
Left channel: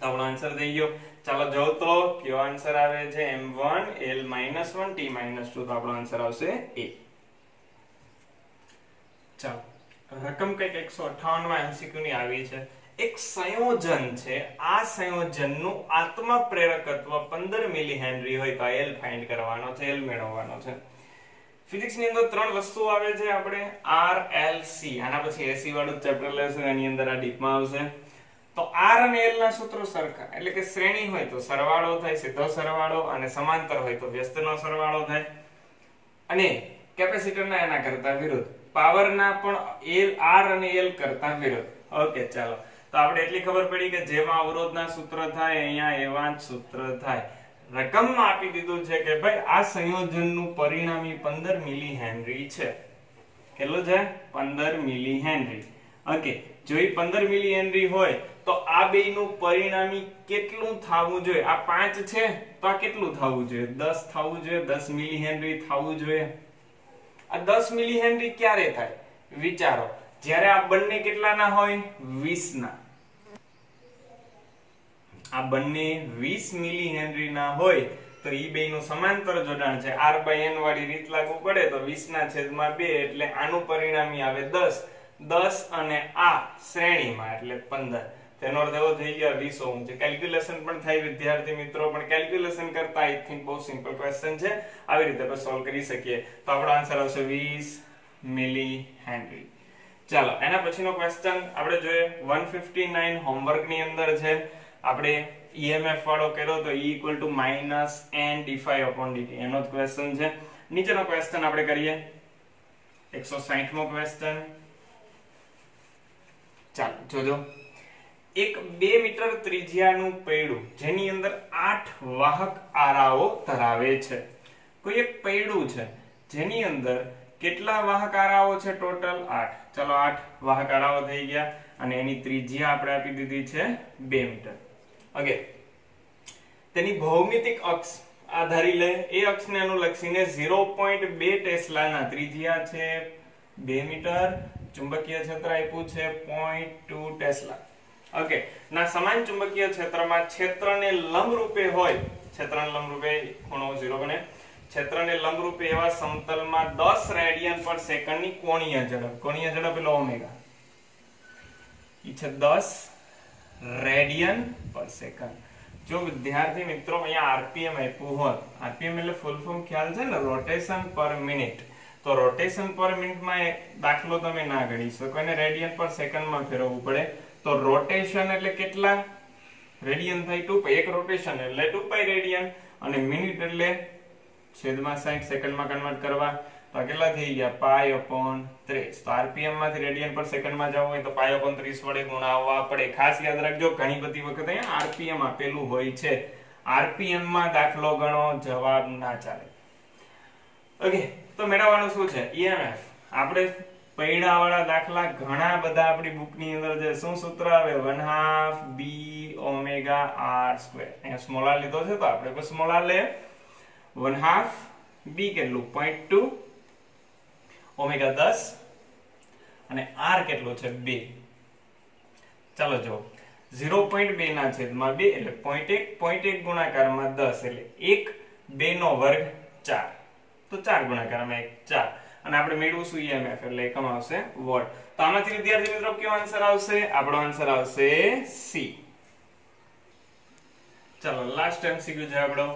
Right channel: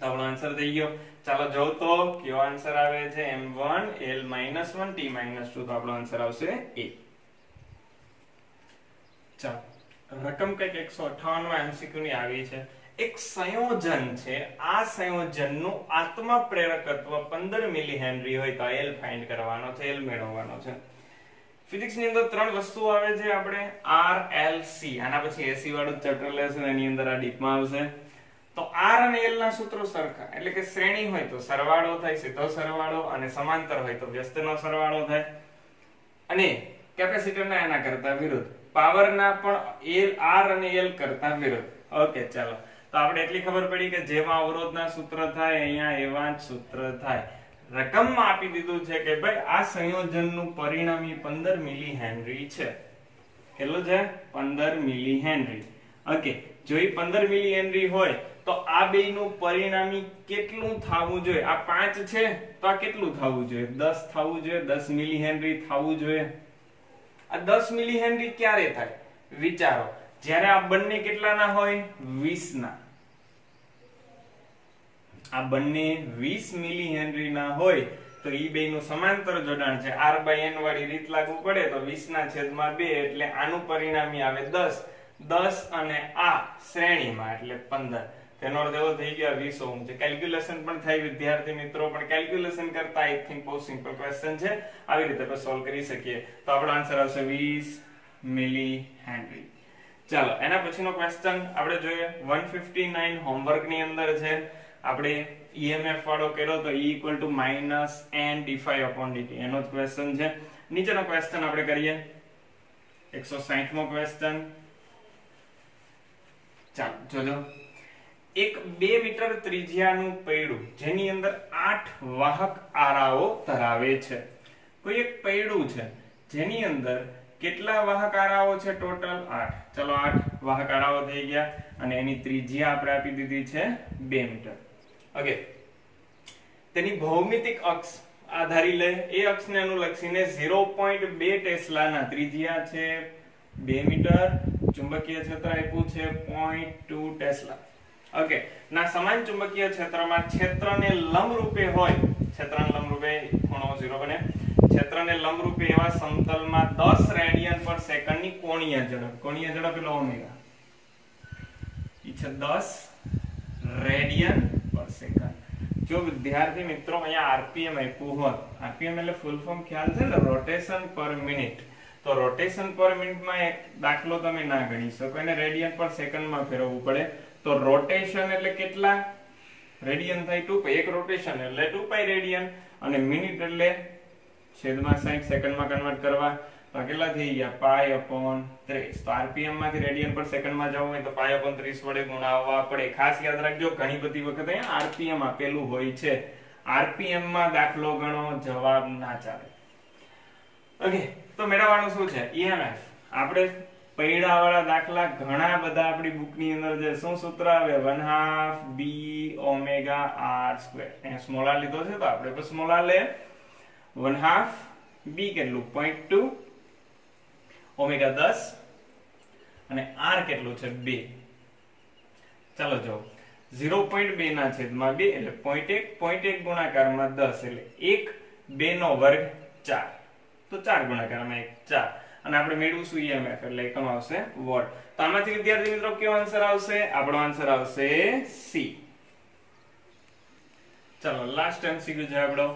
આપણો આન્સર થઈ ગયો. ચાલો જો તો કયો આન્સર આવે છે? m1 L-1 T-2. તો આપણો આન્સર આવશે A. ચાલો રકમ કઈક 158 માં એમસીક્યુ ની આવી છે. એક સંયોજન છે, આ સંયોજનનું આત્મ પ્રેરકત્વ 15 મિલી હેનરી હોય તો L ફાઇન્ડ કરવાનો છે, L મેળવવાનો છે. ફિઝિક્સ ની અંદર ત્રણ વસ્તુઓ આવે છે, આપણે R L C. આના પછી AC વાળું ચેપ્ટર લેશું, એની અંદર આ ડીપમાં આવશે. તો R અને L ના સૂત્રો સરખા, એટલે કે શ્રેણી હોય તો સરવાળો થાય, સીધો સરવાળો, અને સમાંતર હોય તો વ્યસ્તનો સરવાળો થાય. અને કેપેસિટરના એના કરતા વિરુદ્ધ, પાવરના પણ R અને L કરતા વિરુદ્ધ. ઓકે ચાલો, તો આપણે એટલી ખબર પડી કે જેવા અવરોધના સૂત્ર થાય અહીંયા એવા જ સૂત્ર થાય. રકમમાં આપી દીધું છે કે ભાઈ આ સંયોજનનું પરિણામી 15 મિલી હેનરી છે. કેટલું છે? 15 મિલી હેનરી. ઓકે, જો એ 15 મિલી હેનરી હોય તો આ બેયનું પરિણામી કેટલું થવું જોઈએ? આ 5 છે તો આ કેટલું થવું જોઈએ? 10 થવું જોઈએ, 10 મિલી હેનરી થવું જોઈએ. આ 10 મિલી હેનરી ક્યારે થાય? વિચારો, જ્યારે આ બંને કેટલાના હોય? 20 ના. આ બંને 20 મિલી હેનરી ના હોય તો ઈ બેયનું સમાંતર જોડાણ છે, R/N વાળી રીત લાગુ પડે તો 20/2 એટલે આનું પરિણામી આવે 10. 10 અને આ શ્રેણીમાં એટલે 15. તેનો અર્થ એવો થઈ ગયા 20 ઓહમ છે. કેલ્ક્યુલેશન પણ થાય વિદ્યાર્થી મિત્રો, પણ કેલ્ક્યુલેશન કરતા આઈ થિંક બહુ સિમ્પલ ક્વેશ્ચન છે, આવી રીતે આપણે સોલ્વ કરી શકીએ. તો આપણો આન્સર આવશે 20 મિલી હેનરી. ચાલો એના પછીનો ક્વેશ્ચન આપણે જોઈએ. 159 હોમવર્ક ની અંદર છે. આપણે EMF વાળો કર્યો તો E = -n d∅/dt એનો જ ક્વેશ્ચન છે. નીચેનો ક્વેશ્ચન આપણે કરીએ. 160 મો ક્વેશ્ચન. ચાલો જોજો. એક 2 મીટર ત્રિજ્યાનું પૈડું જેની અંદર 8 વાહક આરાઓ ધરાવે છે. કોઈ એક પૈડું છે જેની અંદર કેટલા વાહક આરાઓ છે? ટોટલ 8. ચલો 8 વાહક આરાઓ થઈ ગયા અને એની ત્રિજ્યા આપણે આપી દીધી છે 2 મીટર. ઓકે, તેની ભૌમિતિક અક્ષ આધારી લે, એ અક્ષને અનુલક્ષીને 0.2 ટેસ્લાના ત્રિજ્યા છે 2 મીટર, ચુંબકીય ક્ષેત્ર આપ્યું છે 0.2 ટેસ્લા. ઓકે, ના સમાન ચુંબકીય ક્ષેત્રમાં ક્ષેત્રને લંબરૂપે હોય, ક્ષેત્રને લંબરૂપે ખૂણો 0 બને, ક્ષેત્રને લંબરૂપે એવા સમતલમાં 10 રેડિયન પર સેકન્ડની કોણીય ઝડપ, કોણીય ઝડપ એટલે ઓમેગા, ઈ છે 10 રેડિયન પર સેકન્ડ. જો વિદ્યાર્થી મિત્રો અહીંયા આરપીએમ આપ્યું હોય, આરપીએમ એટલે ફૂલ ફોર્મ ખ્યાલ છે ને, રોટેશન પર મિનિટ. તો રોટેશન પર મિનિટમાં એક દાખલો તમે ના ગણી શકો, એને રેડિયન પર સેકન્ડમાં ફેરવવું પડે. તો રોટેશન એટલે કેટલા રેડિયન થાય? 2π. એક રોટેશન એટલે 2π રેડિયન, અને મિનિટ એટલે છેદમાં 60 સેકન્ડમાં કન્વર્ટ કરવા તો કેટલા થઈ ગયા? π/30. તો આરપીએમ માંથી રેડિયન પર સેકન્ડમાં જવું હોય તો π/30 વડે ગુણાવવા પડે. ખાસ યાદ રાખજો, ઘણી બધી વખત અહીંયા આરપીએમ આપેલું હોય છે, આરપીએમ માં દાખલો ગણો, જવાબ ના ચાલે. ઓકે, તો મેળવવાનું શું છે? EMF. આપણે પૈડાવાળા દાખલા ઘણા બધા આપણી બુકની અંદર છે. શું સૂત્ર આવે? 1/2 b ઓમેગા r². અહીંયા સ્મોલ r લીધો છે તો આપણે પણ સ્મોલ r લે. 1/2 b કેટલું? 0.2 ઓમેગા 10 અને r કેટલું છે? 2. ચાલો જો 0.2 ના છેદમાં 2 એટલે 0.1, 0.1 ગુણાકારમાં 10 એટલે 1, 2 નો વર્ગ 4, તો 4 ગુણાકારમાં 1 4, અને આપણે મેળવીશું EMF એટલે એકમ આવશે વોટ. તો આમાંથી વિદ્યાર્થી મિત્રો કયો આન્સર આવશે? આપણો આન્સર આવશે C. ચલો લાસ્ટ MCQ છે આપણો.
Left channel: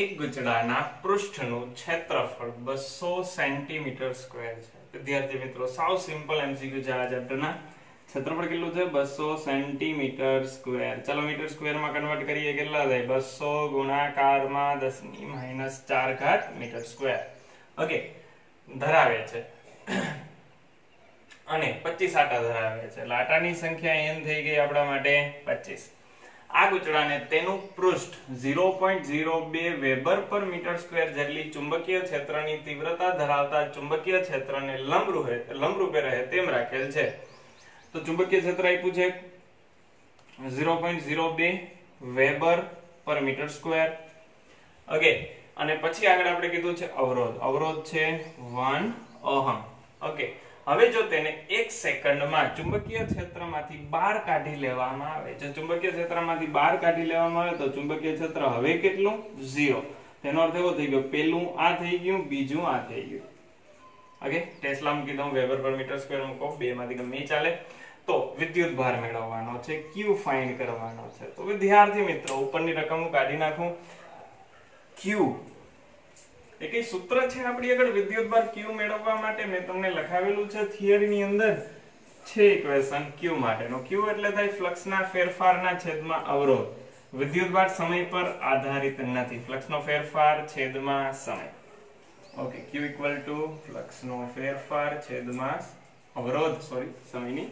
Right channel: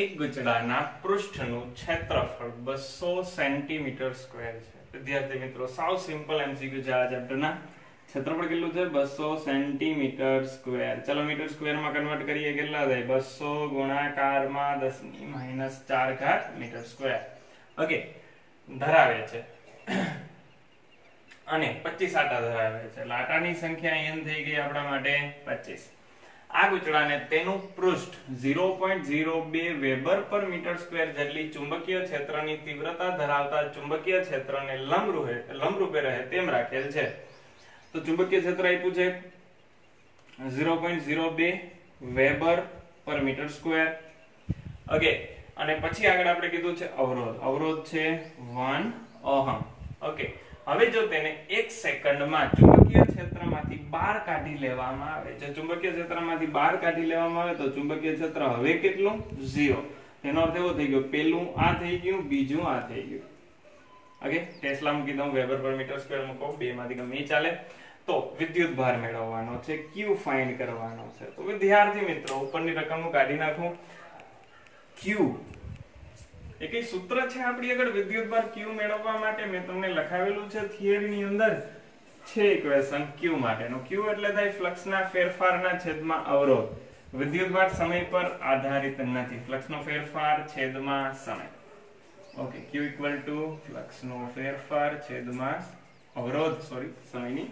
એક ગુચડાના પૃષ્ઠનું ક્ષેત્રફળ 200 સેન્ટીમીટર સ્ક્વેર છે. વિદ્યાર્થી મિત્રો સાવ સિમ્પલ MCQ છે આ ચેપ્ટરના. ક્ષેત્રફળ કેટલું છે? 200 સેન્ટીમીટર સ્ક્વેર. ચલો મીટર સ્ક્વેરમાં કન્વર્ટ કરીએ, કેટલા થાય? 200 ગુણાકારમાં 10⁻⁴ મીટર સ્ક્વેર. ઓકે, ધરાવે છે અને 25 આટા ધરાવે છે એટલે આટાની સંખ્યા n થઈ ગઈ આપણા માટે 25. આ ગૂંચળાને તેનું પૃષ્ઠ 0.02 વેબર પર મીટર સ્ક્વેર જેટલી ચુંબકીય ક્ષેત્રની તીવ્રતા ધરાવતા ચુંબકીય ક્ષેત્રને લંબરૂપે રહે તેમ રાખેલ છે. તો ચુંબકીય ક્ષેત્ર આપ્યું છે 0.02 વેબર પર મીટર સ્ક્વેર. ઓકે, અને પછી આગળ આપણે કીધું છે અવરોધ છે 1 ઓહમ. ઓકે, હવે જો તેને 1 સેકન્ડમાં ચુંબકીય ક્ષેત્રમાંથી બહાર કાઢી લેવામાં આવે, જો ચુંબકીય ક્ષેત્રમાંથી બહાર કાઢી લેવામાં આવે તો ચુંબકીય ક્ષેત્ર હવે કેટલું? 0. તેનો અર્થ એવો થઈ ગયો, પેલું આ થઈ ગયું, બીજું આ થઈ ગયું. ઓકે, ટેસ્લા મૂકી દઉં, વેબર પર મીટર સ્ક્વેર મૂકો, બે માંથી ગમે એ ચાલે. તો વિદ્યુત ભાર મેળવવાનો છે, Q ફાઇન્ડ કરવાનો છે. તો વિદ્યાર્થી મિત્રો ઉપરની રકમ હું કાઢી નાખું. Q એ કઈ સૂત્ર છે આપણી આગળ વિદ્યુત ભાર Q મેળવવા માટે? મેં તમને લખાવેલું છે થિયરીની અંદર છે ઇક્વેશન Q માટેનો. Q એટલે થાય ફ્લક્સના ફેરફારના છેદમાં અવરોધ. વિદ્યુત ભાર સમય પર આધારિત નથી, ફ્લક્સનો ફેરફાર છેદમાં સમય. ઓકે, Q ઇક્વલ ટુ ફ્લક્સનો ફેરફાર છેદમાં અવરોધ, સમયની.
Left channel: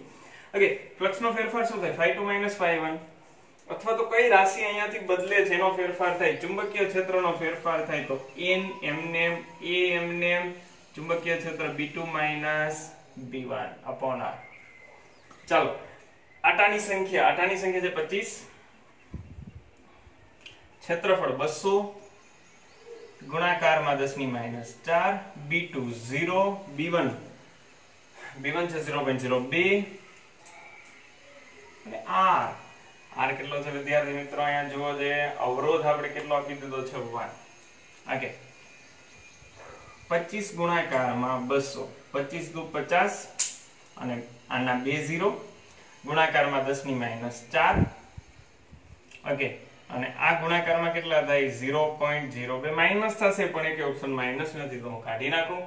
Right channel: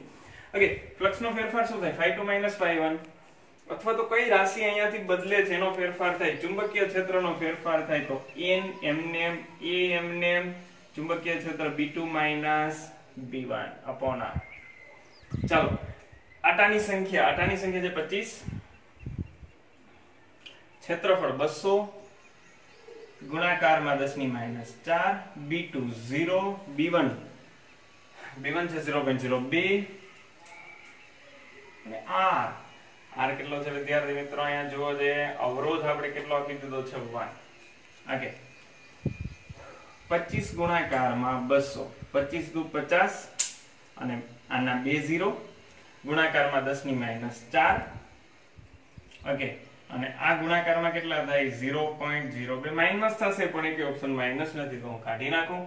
ઓકે, ફ્લક્સનો ફેરફાર શું થાય? ϕ2 - ϕ1, અથવા તો કઈ રાશિ અહીંયાથી બદલે છે એનો ફેરફાર થાય, ચુંબકીય ક્ષેત્રનો ફેરફાર થાય તો n mnm a mnm ચુંબકીય ક્ષેત્ર b2 - b1 upon r. ચાલો, આટાની સંખ્યા છે 25, ક્ષેત્રફળ 200 ગુણાકારમાં 10⁻⁴, b2 0, b1 છે 0.02 અને r કેટલો છે વિદ્યાર્થી મિત્રો? અહીંયા જુઓ જોઈએ, અવરોધ આપણે કેટલો આપી દીધો છે 1. ઓકે, 25 ગુણાકારમાં 200, 25 દુ 50 અને આના 2 0 ગુણાકારમાં 10⁻⁴. ઓકે, અને આ ગુણાકારમાં કેટલા થાય? 0.02 માઈનસ થશે પણ એક ઓપ્શન માઈનસ નથી તો હું કાઢી નાખું.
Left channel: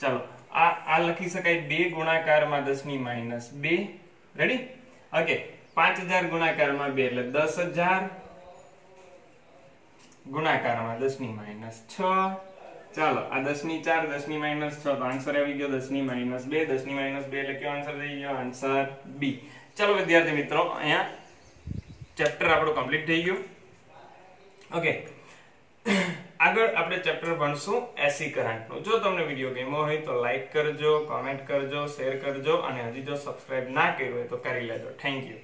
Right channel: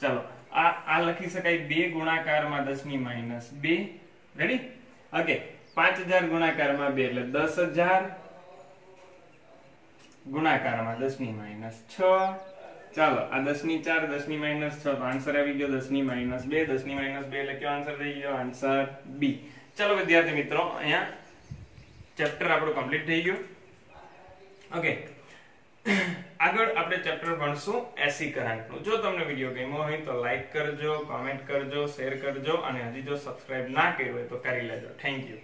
ચાલો, આ લખી શકાય 2 ગુણાકારમાં 10⁻². રેડી? ઓકે, 5000 ગુણાકારમાં 2 એટલે 10000 ગુણાકારમાં 10⁻⁶. ચાલો, આ 10⁴ 10⁻⁶ તો આન્સર આવી ગયો 10⁻². 10⁻² એટલે કયો આન્સર થઈ ગયો? Answer B. ચાલો વિદ્યાર્થી મિત્રો, અહીંયા ચેપ્ટર આપણું કમ્પ્લીટ થઈ ગયું. ઓકે, આગળ આપણે ચેપ્ટર ભણશું એસી કરંટનું. જો તમને વિડીયો ગમ્યો હોય તો લાઈક કરજો, કોમેન્ટ કરજો, શેર કરજો અને હજી જો સબસ્ક્રાઇબ ના કર્યું હોય તો કરી લેજો. Thank you.